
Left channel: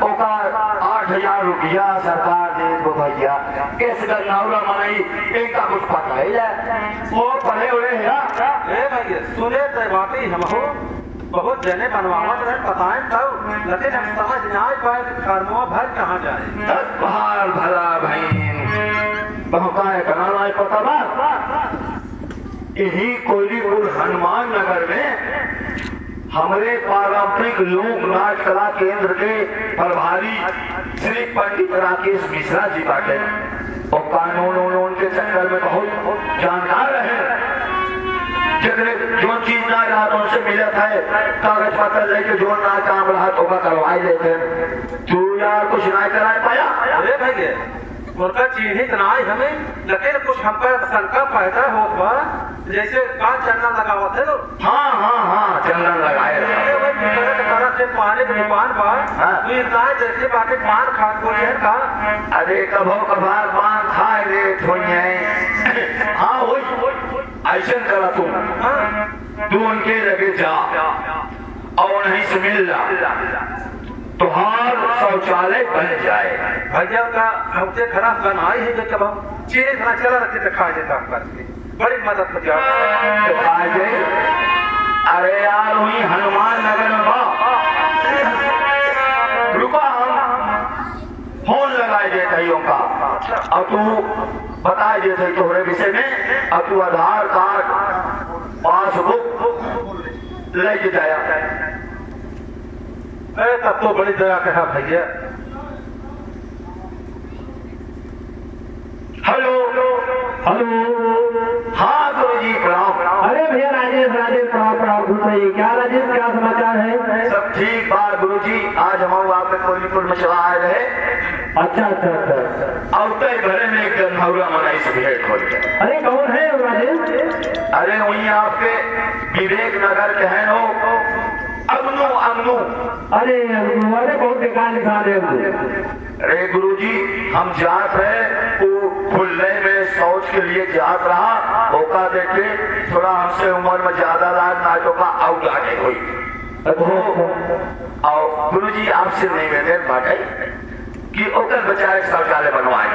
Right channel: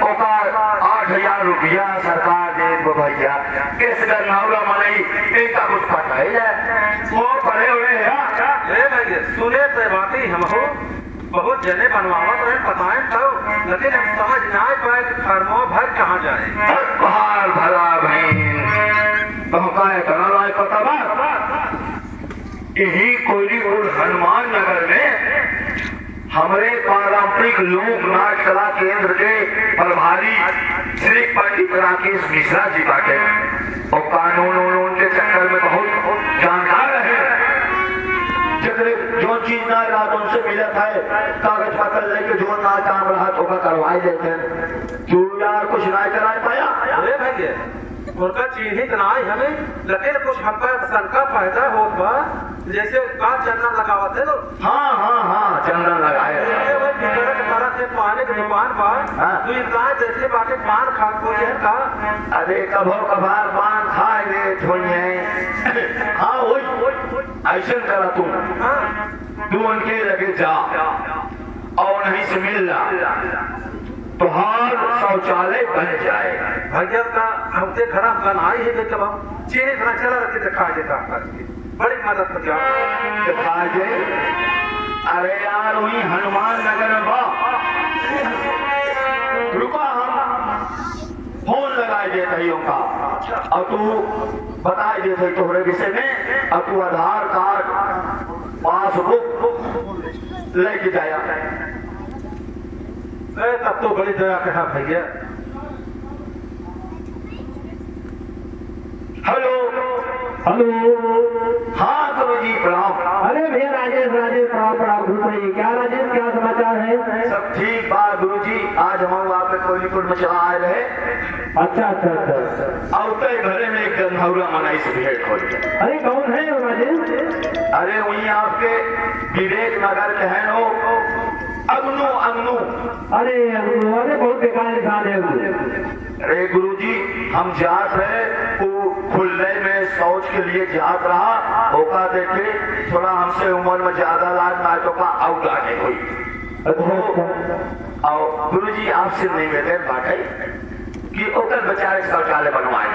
ओकर 8,000 रुपया सरकार दे दो भैया। किस गन्नाउरा मनई इनका कुछ पता ही है, वो पढ़े हुए हैं। भैया सुने तो बातें हम हो बहुत जने बनवावत रहे बताएं तब, लेकिन हम समझ ना पाए फर्मो भर कहाँ जाए। बाहर भला बहन बहुकाय बनाना है पता बात यही कोयलीपुर हनुमान नगर में हमारे पारंपरिक लोक नाट्य कला केंद्र के प्रभारी श्री पंडित राकेश मिश्रा जी बाटे और कानून के चक्कर में बहुत जानकार रहे। जगले जो चीज ना रहा तो उनसे मिलत है, कागज पत्र लेके जो ना काम रहा तो करवाई देते। तू यार कुछ ना करा पाया। अरे भैया उनका चिन्हित ना हमें, लेकिन कुछ हमका शंका पैदा होत बा जैसे का चंदन लगावत है लोग। हाँ चंदन लगाए तरह के पानी की दुकान पर तू इंतजार जैसे बाटे पान खा को है का। अरे कभो कभार पान खाए रे थोड़िए। हाँ वही ऐसा करा तू उनके लगे जा और नहीं से मिल ला तो हार शौचालय बन जाए। भैया का हमसे खराब बनाई है कि कब हम चीनी खाना चला रखे दिखाई देता करके बड़ी मदद कर जाओ दिखाई दे। अरे यार वही हनुमान नगर में रुका हम फोन लगाए देते का और तू बताए देते तोहरे विषय में, और तू आधार कार्ड पासबुक लेके जाया। अरे तब तो बड़ी दया कहा भैया। हेलो हाँ गुरु जी प्रणाम। अरे भैया राजेश प्रणाम घुस क्या राजेश क्या समाचार है? सब ठीक बात गुरु जी, आज हम आपके कोयलीपुर में चला आए रहे। अच्छा और तय भरे में एक गन्नौरा मनाई से भेंट हो गया। अरे कौन है राजेश? अरे वही आपके विवेक नगर के हैं नो अग्नू। अरे बहुत बेकार इंसान है। अरे गुरुजी हम जात रहे वो खुलने में शौच के लिए जात रहा, होका देखे थोड़ा हमसे उम्र में ज्यादा लाभ नाटों का आउट आगे हुई। और गुरुजी आपसे निवेदन बाटे कि ओकर बचाए शौचालय बनवाए।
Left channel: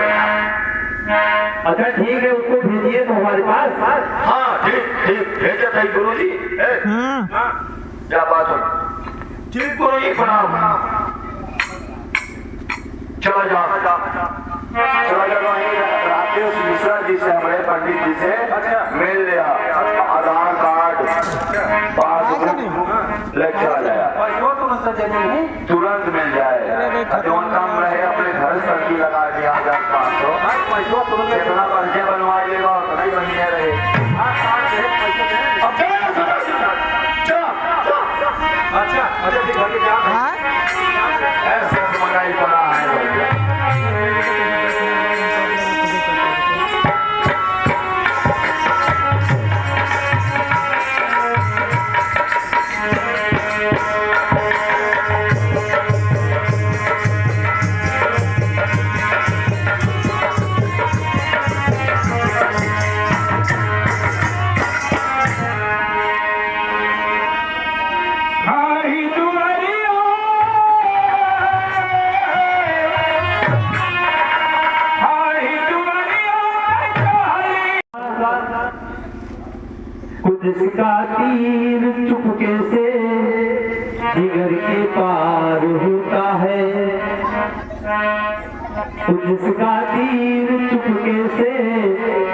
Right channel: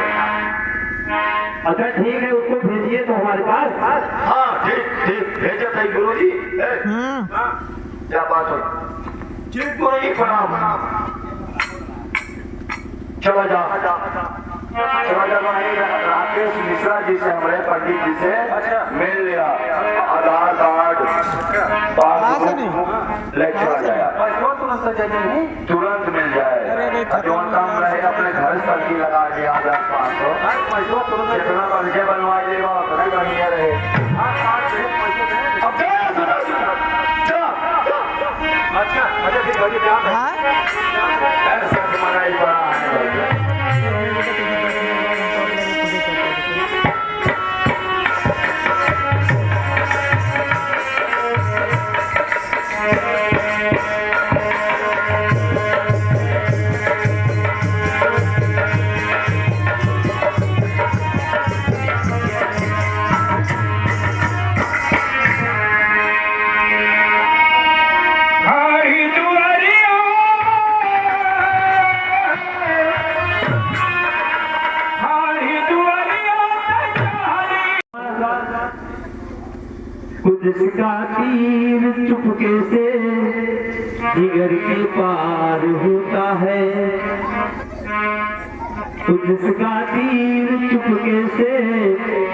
अच्छा ठीक है, उसको भेजिए तो हमारे पास। हाँ ठीक भेजे थे गुरुजी। क्या बात है? ठीक गुरुजी प्रणाम। चला जा राकेश मिश्रा जी से हमारे पंडित जी से मिल लिया, आधार कार्ड पासबुक लेके आ जाए, तुरंत मिल जाए। जो काम रहे अपने घर सर्दी लगा दिया 1500, जितना पंचे बनवा लेगा उतना ही बनिए रहे। ऐसे तुम्हारा ही बड़ा है। जिसका तीर चुपके से जिगर के पार होता है, जिसका तीर चुपके से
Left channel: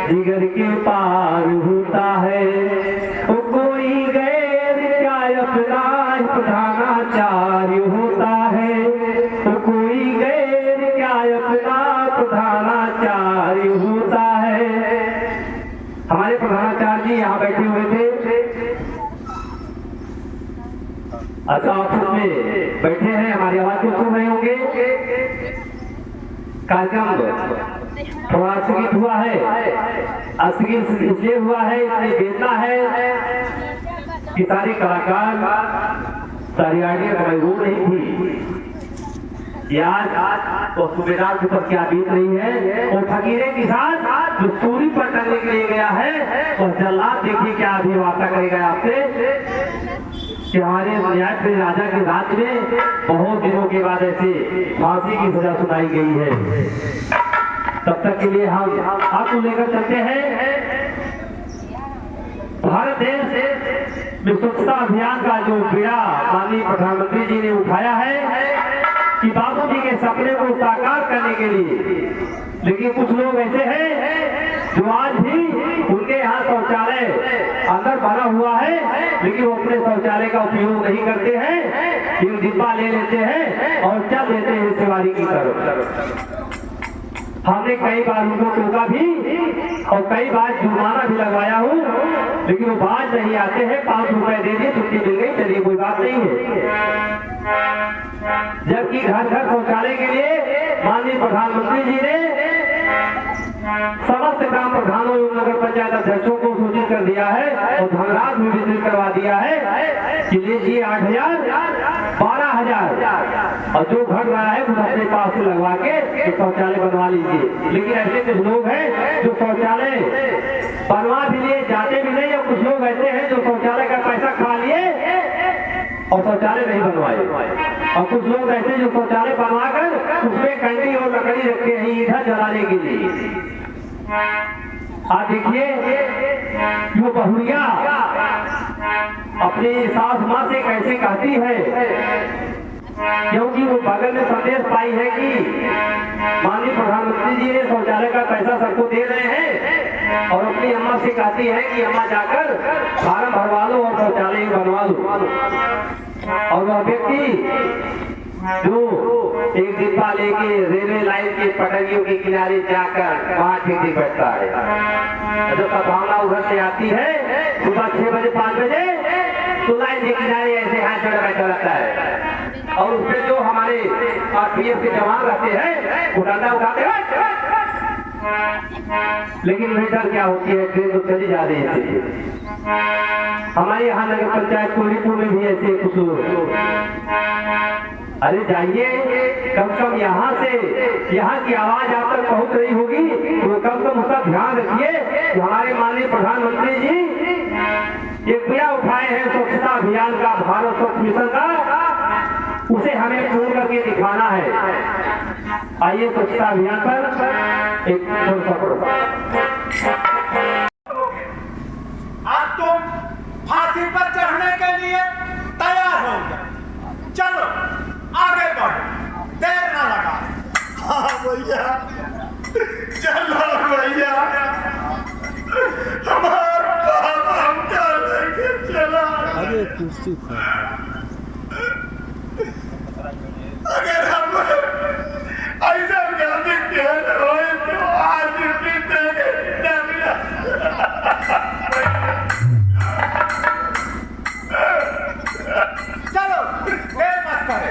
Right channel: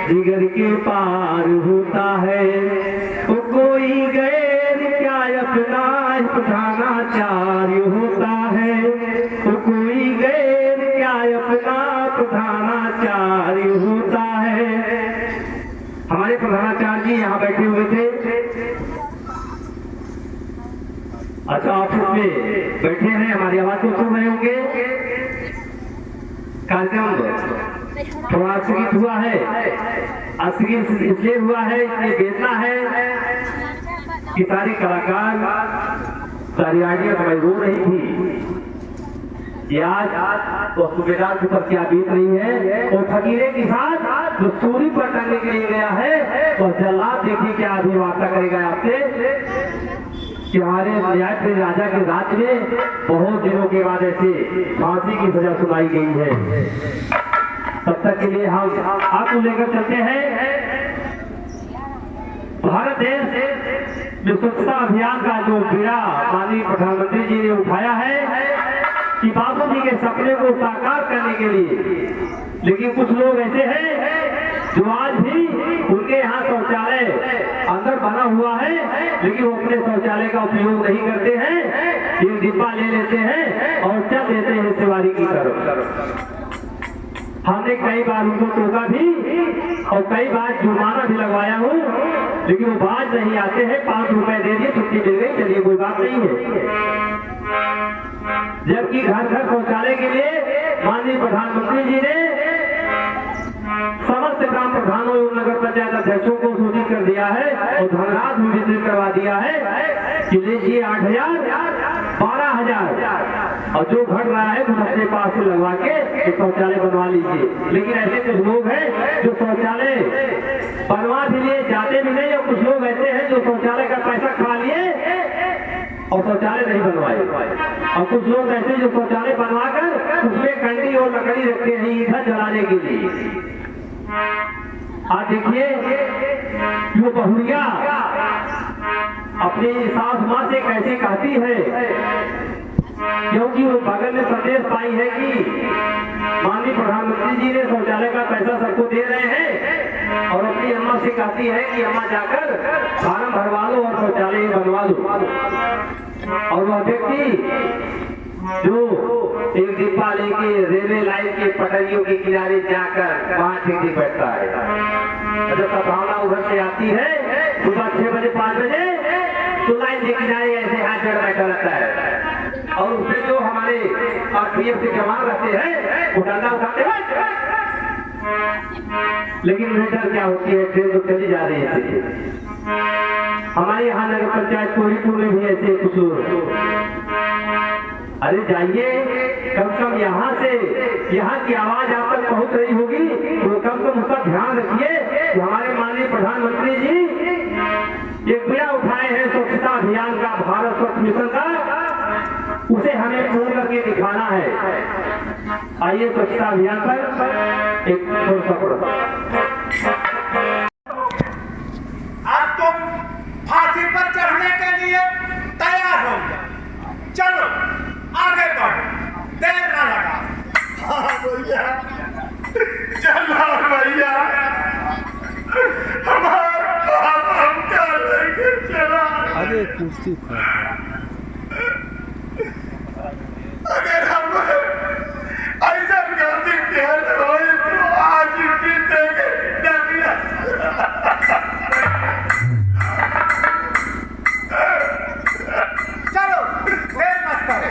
जिगर के पार होता है, वो कोई गैर क्या अपना प्रधानाचार्य होता है, वो कोई गैर क्या अपना प्रधानाचार्य होता है। हमारे प्रधानाचार्य जी यहाँ बैठे हुए थे, अच्छा ऑफिस में बैठे हैं, हमारी आवाज को सुन रहे होंगे। कार्यक्रम थोड़ा स्थगित हुआ है, स्थगित इसलिए हुआ है, इसलिए बेचना है कि सारे कलाकार सारी आइडिया हमारी रो रही थी कि आज तो सूबेदार के ऊपर क्या बीत रही है, और फकीरे के साथ जो सूरी पर टंगने के लिए गया है, और जल्लाद देखिए क्या अभी वार्ता करेगा आपसे कि हमारे न्यायप्रिय राजा के राज में बहुत दिनों के बाद ऐसे फांसी की सजा सुनाई गई है। तब तक के लिए हम आपको लेकर चलते हैं भारत देश में स्वच्छता अभियान का जो बीड़ा माननीय प्रधानमंत्री जी ने उठाया है कि बाबू जी के सपने को साकार करने के लिए। लेकिन कुछ लोग ऐसे हैं जो आज भी उनके यहाँ शौचालय अंदर बना हुआ है, लेकिन वो अपने शौचालय का उपयोग नहीं करते हैं, एक डिब्बा ले लेते हैं और चल देते हैं सेवारी की तरफ। हमने कई बार उनको टोका भी और कई बार जुर्माना भी लगवाया हूँ, लेकिन वो बाज नहीं आते हैं। 5 रुपए दे दिए, छुट्टी मिल गई, चलिए कोई बात नहीं है। जबकि घर घर शौचालय के लिए माननीय प्रधानमंत्री जी ने समस्त ग्राम प्रधानों एवं नगर पंचायत अध्यक्षों को सूचित कर दिया है और धनराशि भी वितरित करवा दिया है कि लीजिए 8,000, 12,000 और जो घट रहा है वो अपने पास से लगवा के शौचालय बनवा लीजिए। लेकिन ऐसे कुछ लोग हैं जो शौचालय बनवा भी लिए, जाते भी नहीं, और कुछ लोग ऐसे हैं जो शौचालय का पैसा खा लिए और शौचालय नहीं बनवाए, और कुछ लोग ऐसे जो शौचालय बनवा कर उसमें कंडी और लकड़ी रखते हैं ईंधन जलाने के लिए। आज देखिए वो बहुरिया अपनी सास माँ से कैसे कहती है, क्योंकि वो बगल में संदेश पाई है कि माननीय प्रधानमंत्री जी ने शौचालय का पैसा सबको दे रहे हैं, और अपनी अम्मा से कहती है कि अम्मा जाकर फार्म भरवा लो और शौचालय बनवा लो। और वह व्यक्ति जो एक डिब्बा लेके रेलवे लाइन के पटरियों के किनारे जाकर वहां ठीक बैठता है, जब सद्भावना उधर से आती है सुबह 6 बजे 5 बजे, तो लाइन के किनारे ऐसे हाथ जोड़ बैठा रहता है, और उससे जो हमारे आरपीएफ के जवान रहते हैं वो डंडा उठाते हैं। लेकिन बेटर क्या होती है, ट्रेन तो चली जा रही है। हमारे यहाँ नगर पंचायत कोहलीपुर में भी ऐसे कुछ लोग, अरे जाइए, कम से कम यहाँ से, यहाँ की आवाज आप तक पहुँच रही होगी, तो कम से कम उसका ध्यान रखिए कि हमारे माननीय प्रधानमंत्री जी एक बीड़ा उठाए हैं स्वच्छता अभियान का, भारत स्वच्छ मिशन का, उसे हमें पूर्ण करके दिखाना है। आइए स्वच्छता अभियान पर एक छोटा अब तुम फांसी पर चढ़ने के लिए तैयार हो जाओ, चलो आगे बढ़ो, देर न लगा। हाँ भैया चला भैया, हमारा बाप हमका लेके चला। अरे कुर्सी पर अगर हम ऐसा गलती खेल होए तो आज की दुनिया चलो देर मत करो।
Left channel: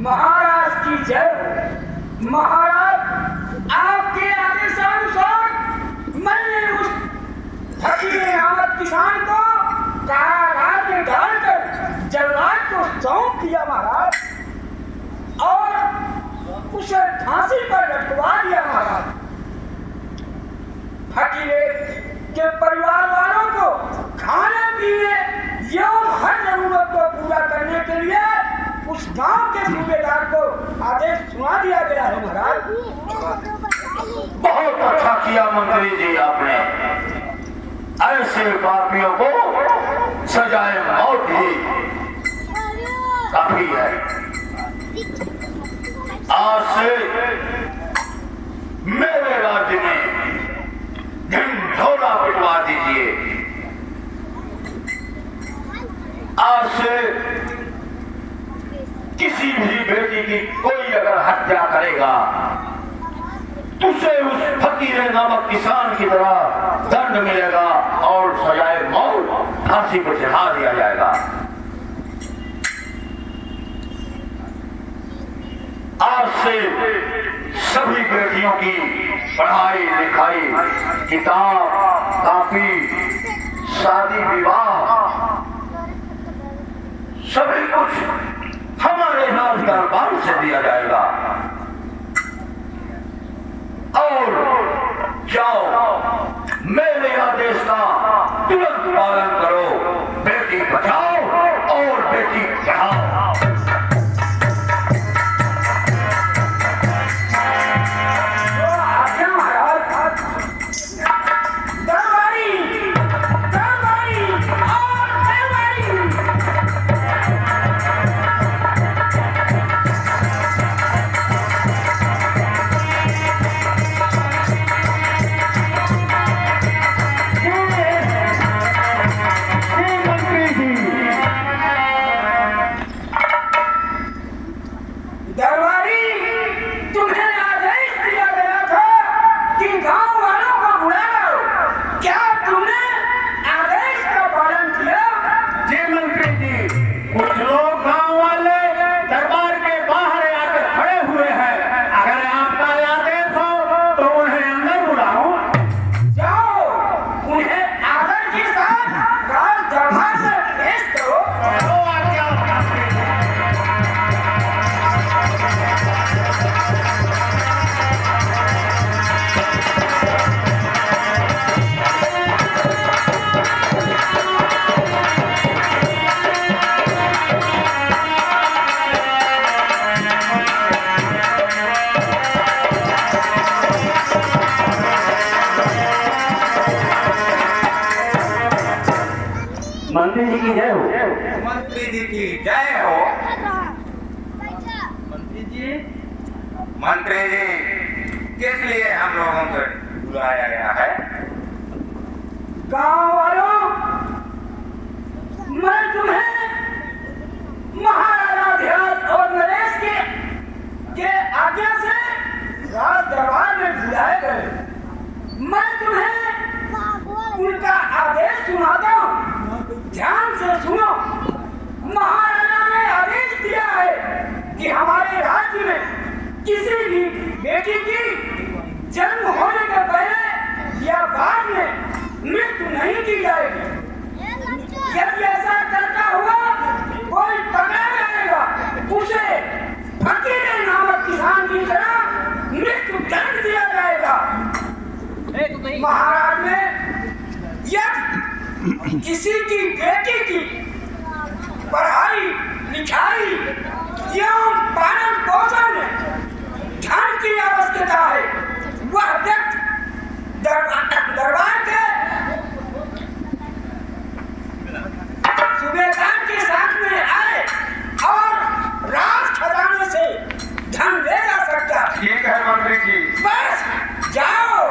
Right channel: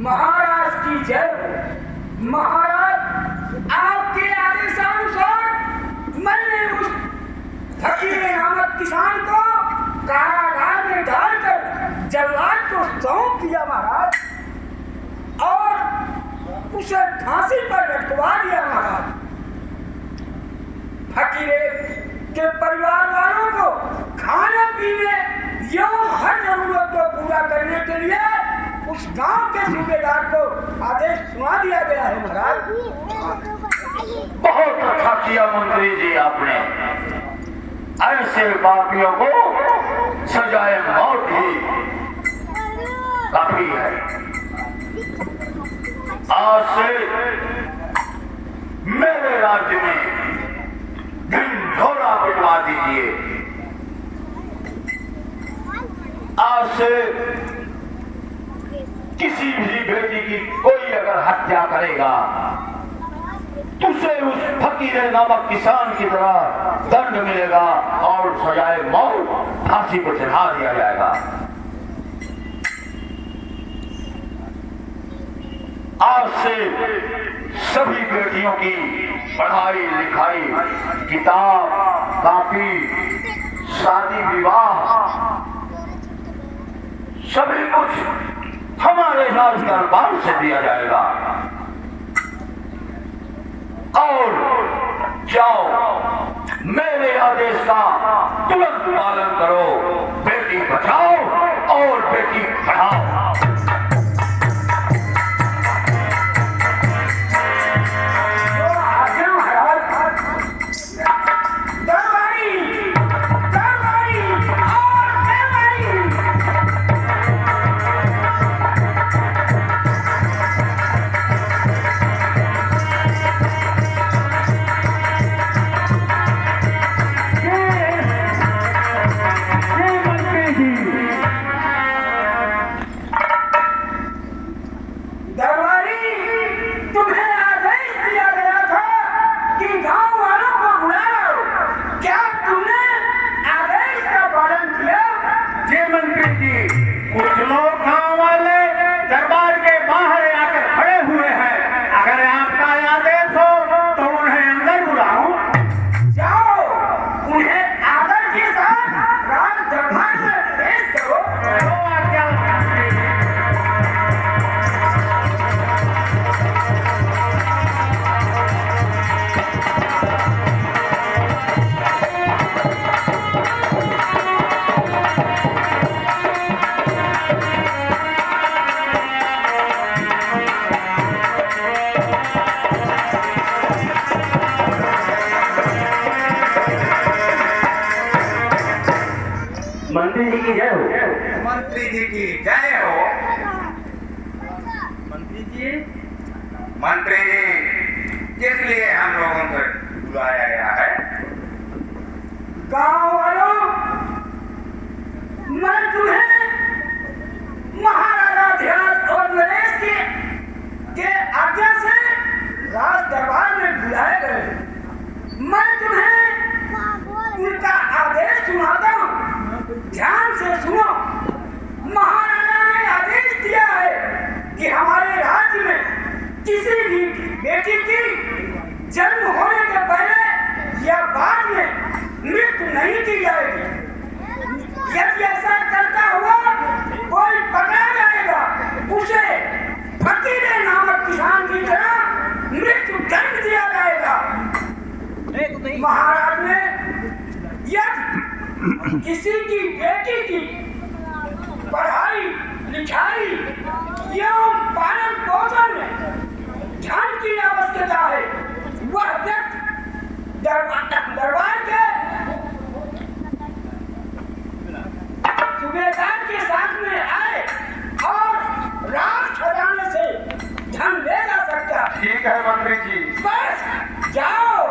महाराज की जय। महाराज आपके आदेशानुसार मैंने उस फकीर नामक किसान को कारागार में डालकर जल्लाद को सौंप दिया महाराज, और उसे फांसी पर लटकवा दिया महाराज। फकीर के परिवार वालों को खाने पीने एवं हर जरूरत को पूरा करने के लिए उस गांव के सूबेदार को आदेश सुना दिया गया है महाराज। बहुत अच्छा किया मंत्री जी आपने। ऐसे पापियों को सजाए मौत ही काफी है। आज से मेरे राज्य में ढिंढोरा पिटवा दीजिए। आज से किसी भी बेटी की कोई अगर हत्या करेगा तो उसे उस फकीर नामक किसान की तरह दंड मिलेगा और सजाए मौत फांसी पर चढ़ा दिया जाएगा। आज से सभी बेटियों की पढ़ाई लिखाई, किताब कॉपी, शादी विवाह सभी कुछ हमारे राज दरबार से दिया जाएगा। और जाओ मेरे आदेश का तुरंत पालन करो। बेटी बचाओ और बेटी पढ़ाओ। बुलाओ। क्या तुमने आदेश का पालन किया? जी मंत्री जी, कुछ लोग गांव वाले दरबार के बाहर आकर खड़े हुए हैं। अगर आपका आदेश हो तो उन्हें अंदर बुलाऊं। जाओ, उन्हें आदर के साथ राज दरबार में पेश करो। तो आज्ञा। मंत्री जी की जय हो। मंत्री जी की जय हो। मंत्री जी, मंत्री जी, किस लिए हम लोगों को बुलाया गया है? गांव वालों, मैं तुम्हें महाराजा ध्यान और नरेश के आज्ञा से राज दरबार में बुलाए गए। मैं तुम्हें उनका आदेश सुनाता हूँ, ध्यान से सुनो। महाराजा ने आदेश दिया है कि हमारे राज्य में किसी भी बेटी की जन्म होने के पहले या बाद में मृत्यु नहीं की जाएगी। यदि ऐसा करता हुआ कोई पकड़ा जाएगा, उसे फकीरे नामक किसान की तरह मृत्यु दंड दिया जाएगा। महाराज ने यदि किसी की बेटी की पढ़ाई लिखाई एवं पालन पोषण में धन की आवश्यकता है, वह व्यक्ति दरबार के सूबेदार के साथ में आए और राज खजाने से धन ले जा सकता है। ठीक है मंत्री जी। बस जाओ,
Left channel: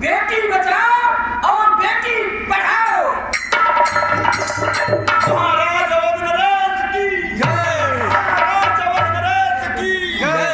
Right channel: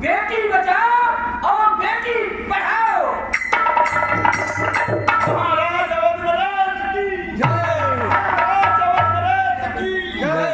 बेटी बचाओ और बेटी पढ़ाओ। महाराज अवध नरेश की जय। महाराज अवध नरेश की जय।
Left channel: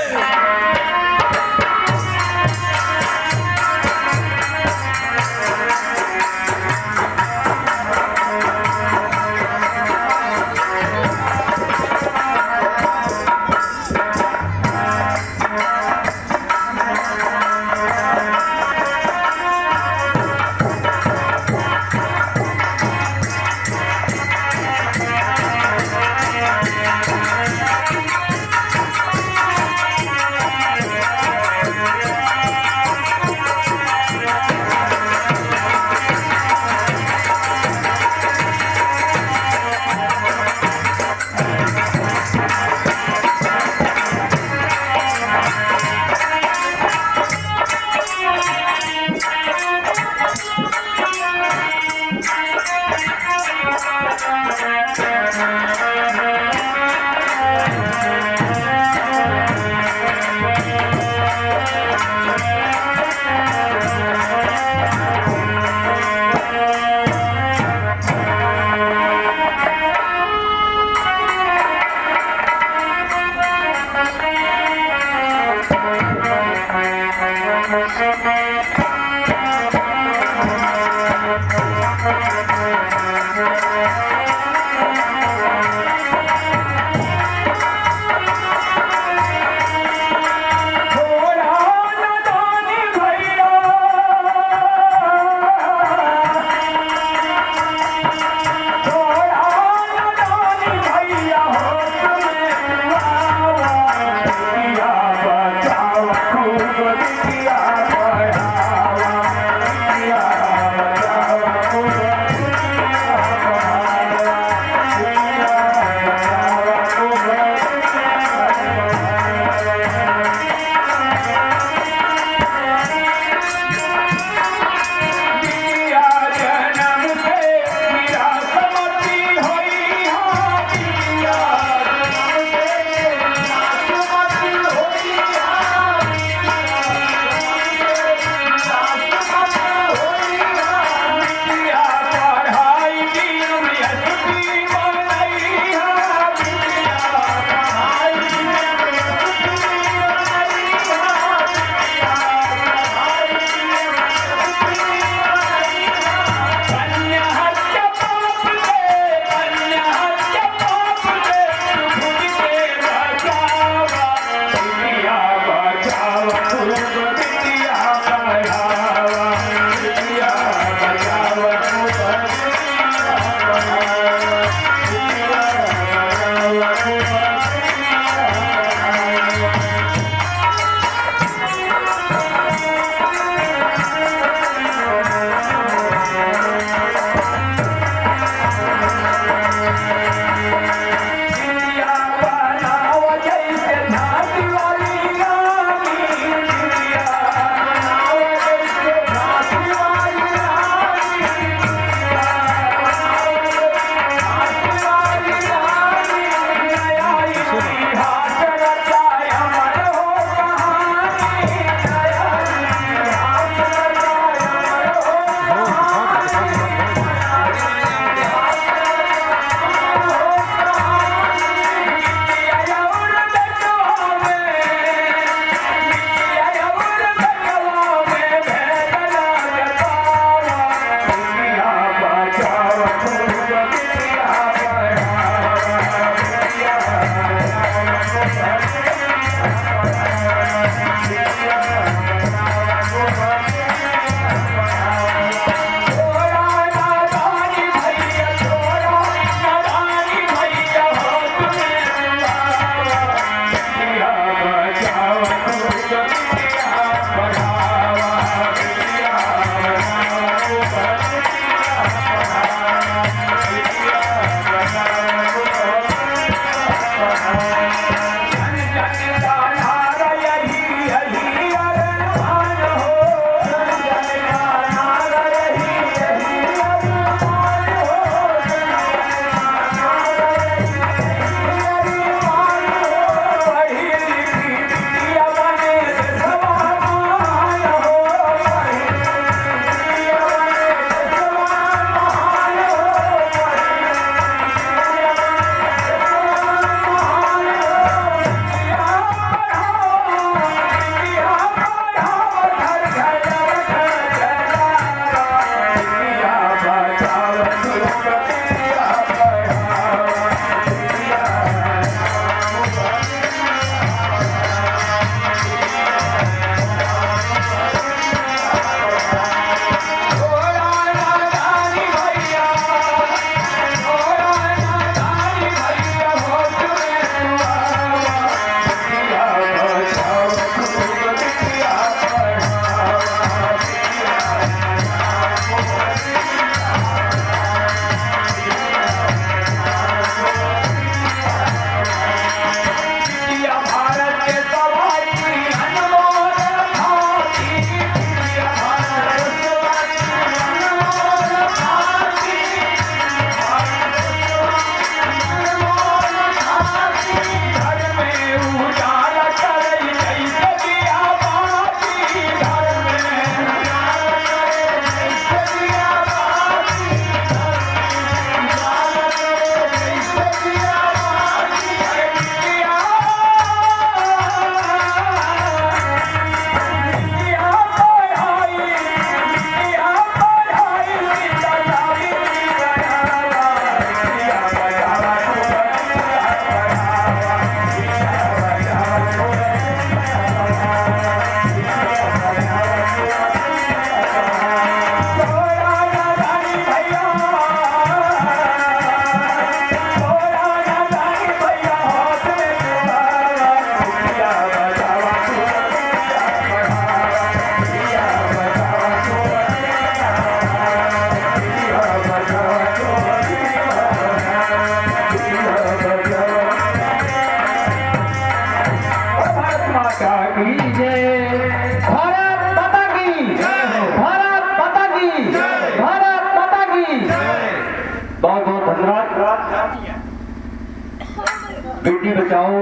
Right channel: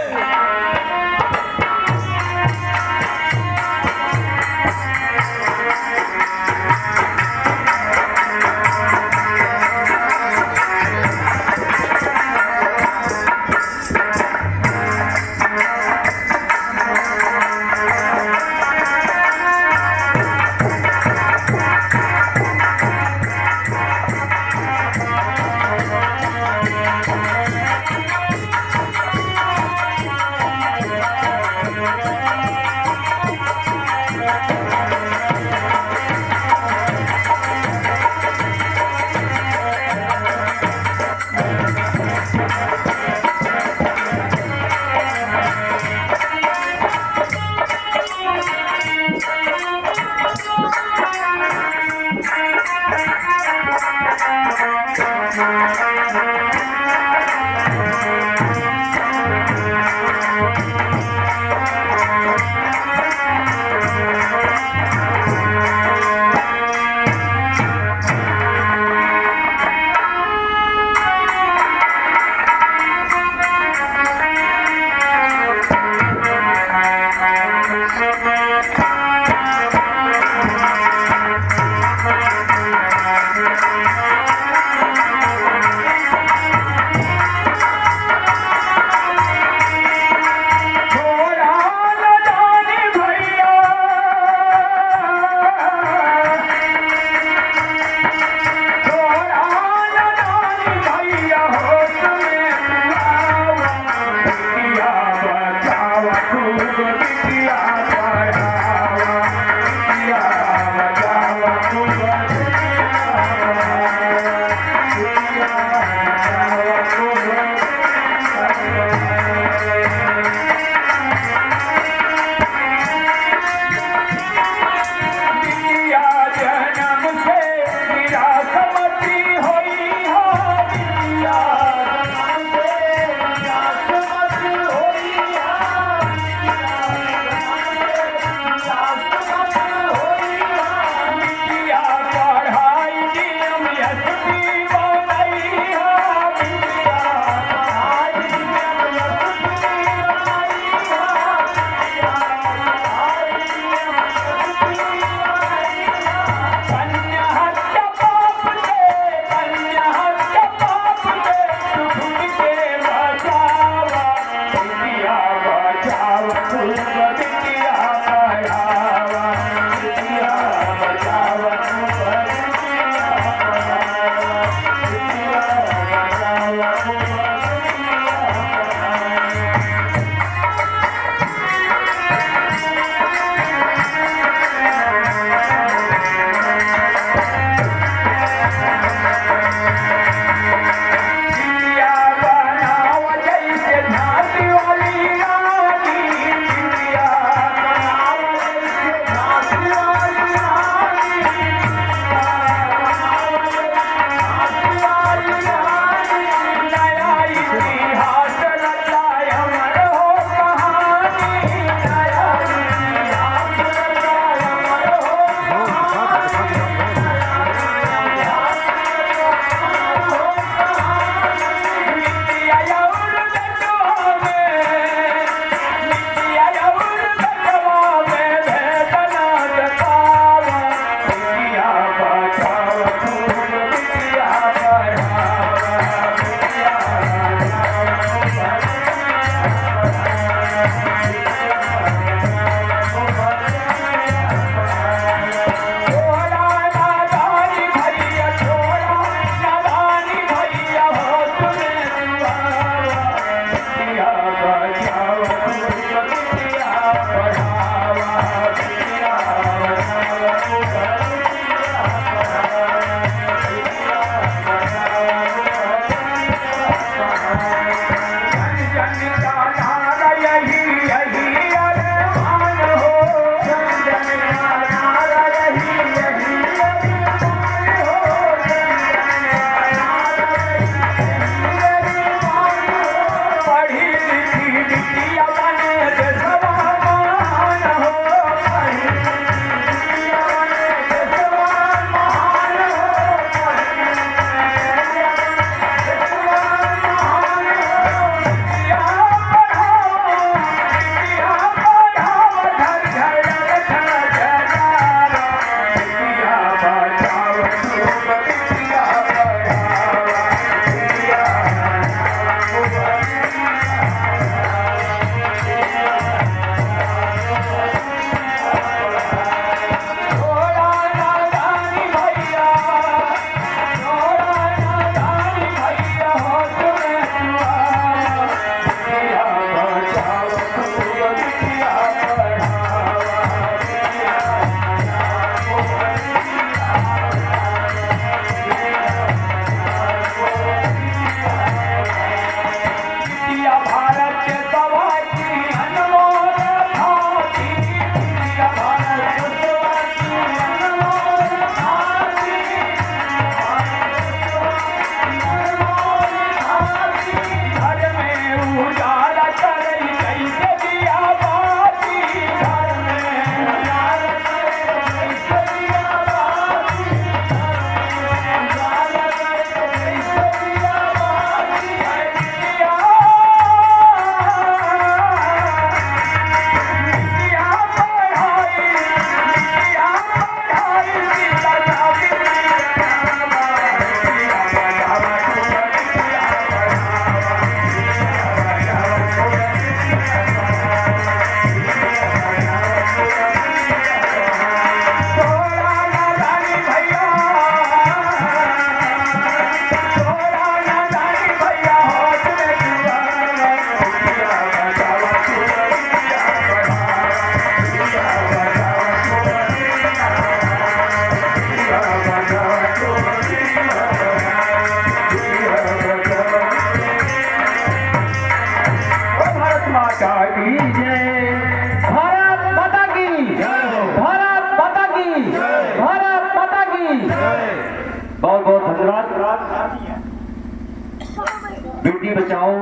बेटी बचाओ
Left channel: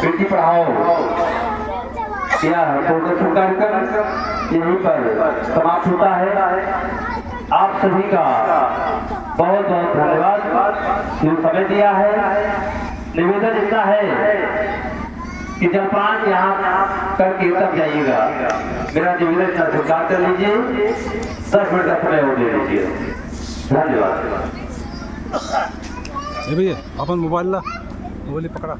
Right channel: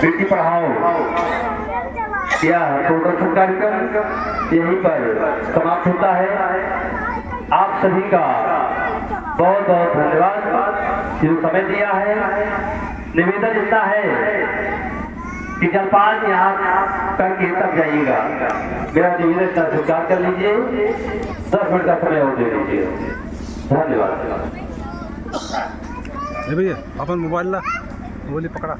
बेटी पढ़ाओ यह प्रोडक्शन कार्यक्रम यहीं पर समाप्त होता है। आप सभी का बहुत बहुत धन्यवाद जो समय दिया है। निवेदन इतना है कि जलपान यहाँ करके तब जाइएगा। मेरा निवेदन का स्वीकार कर लीजिए। 10 मिनट का समय हो दे दीजिए। धन्यवाद। भैया अपन मोबाइल ला बोली पकड़ा।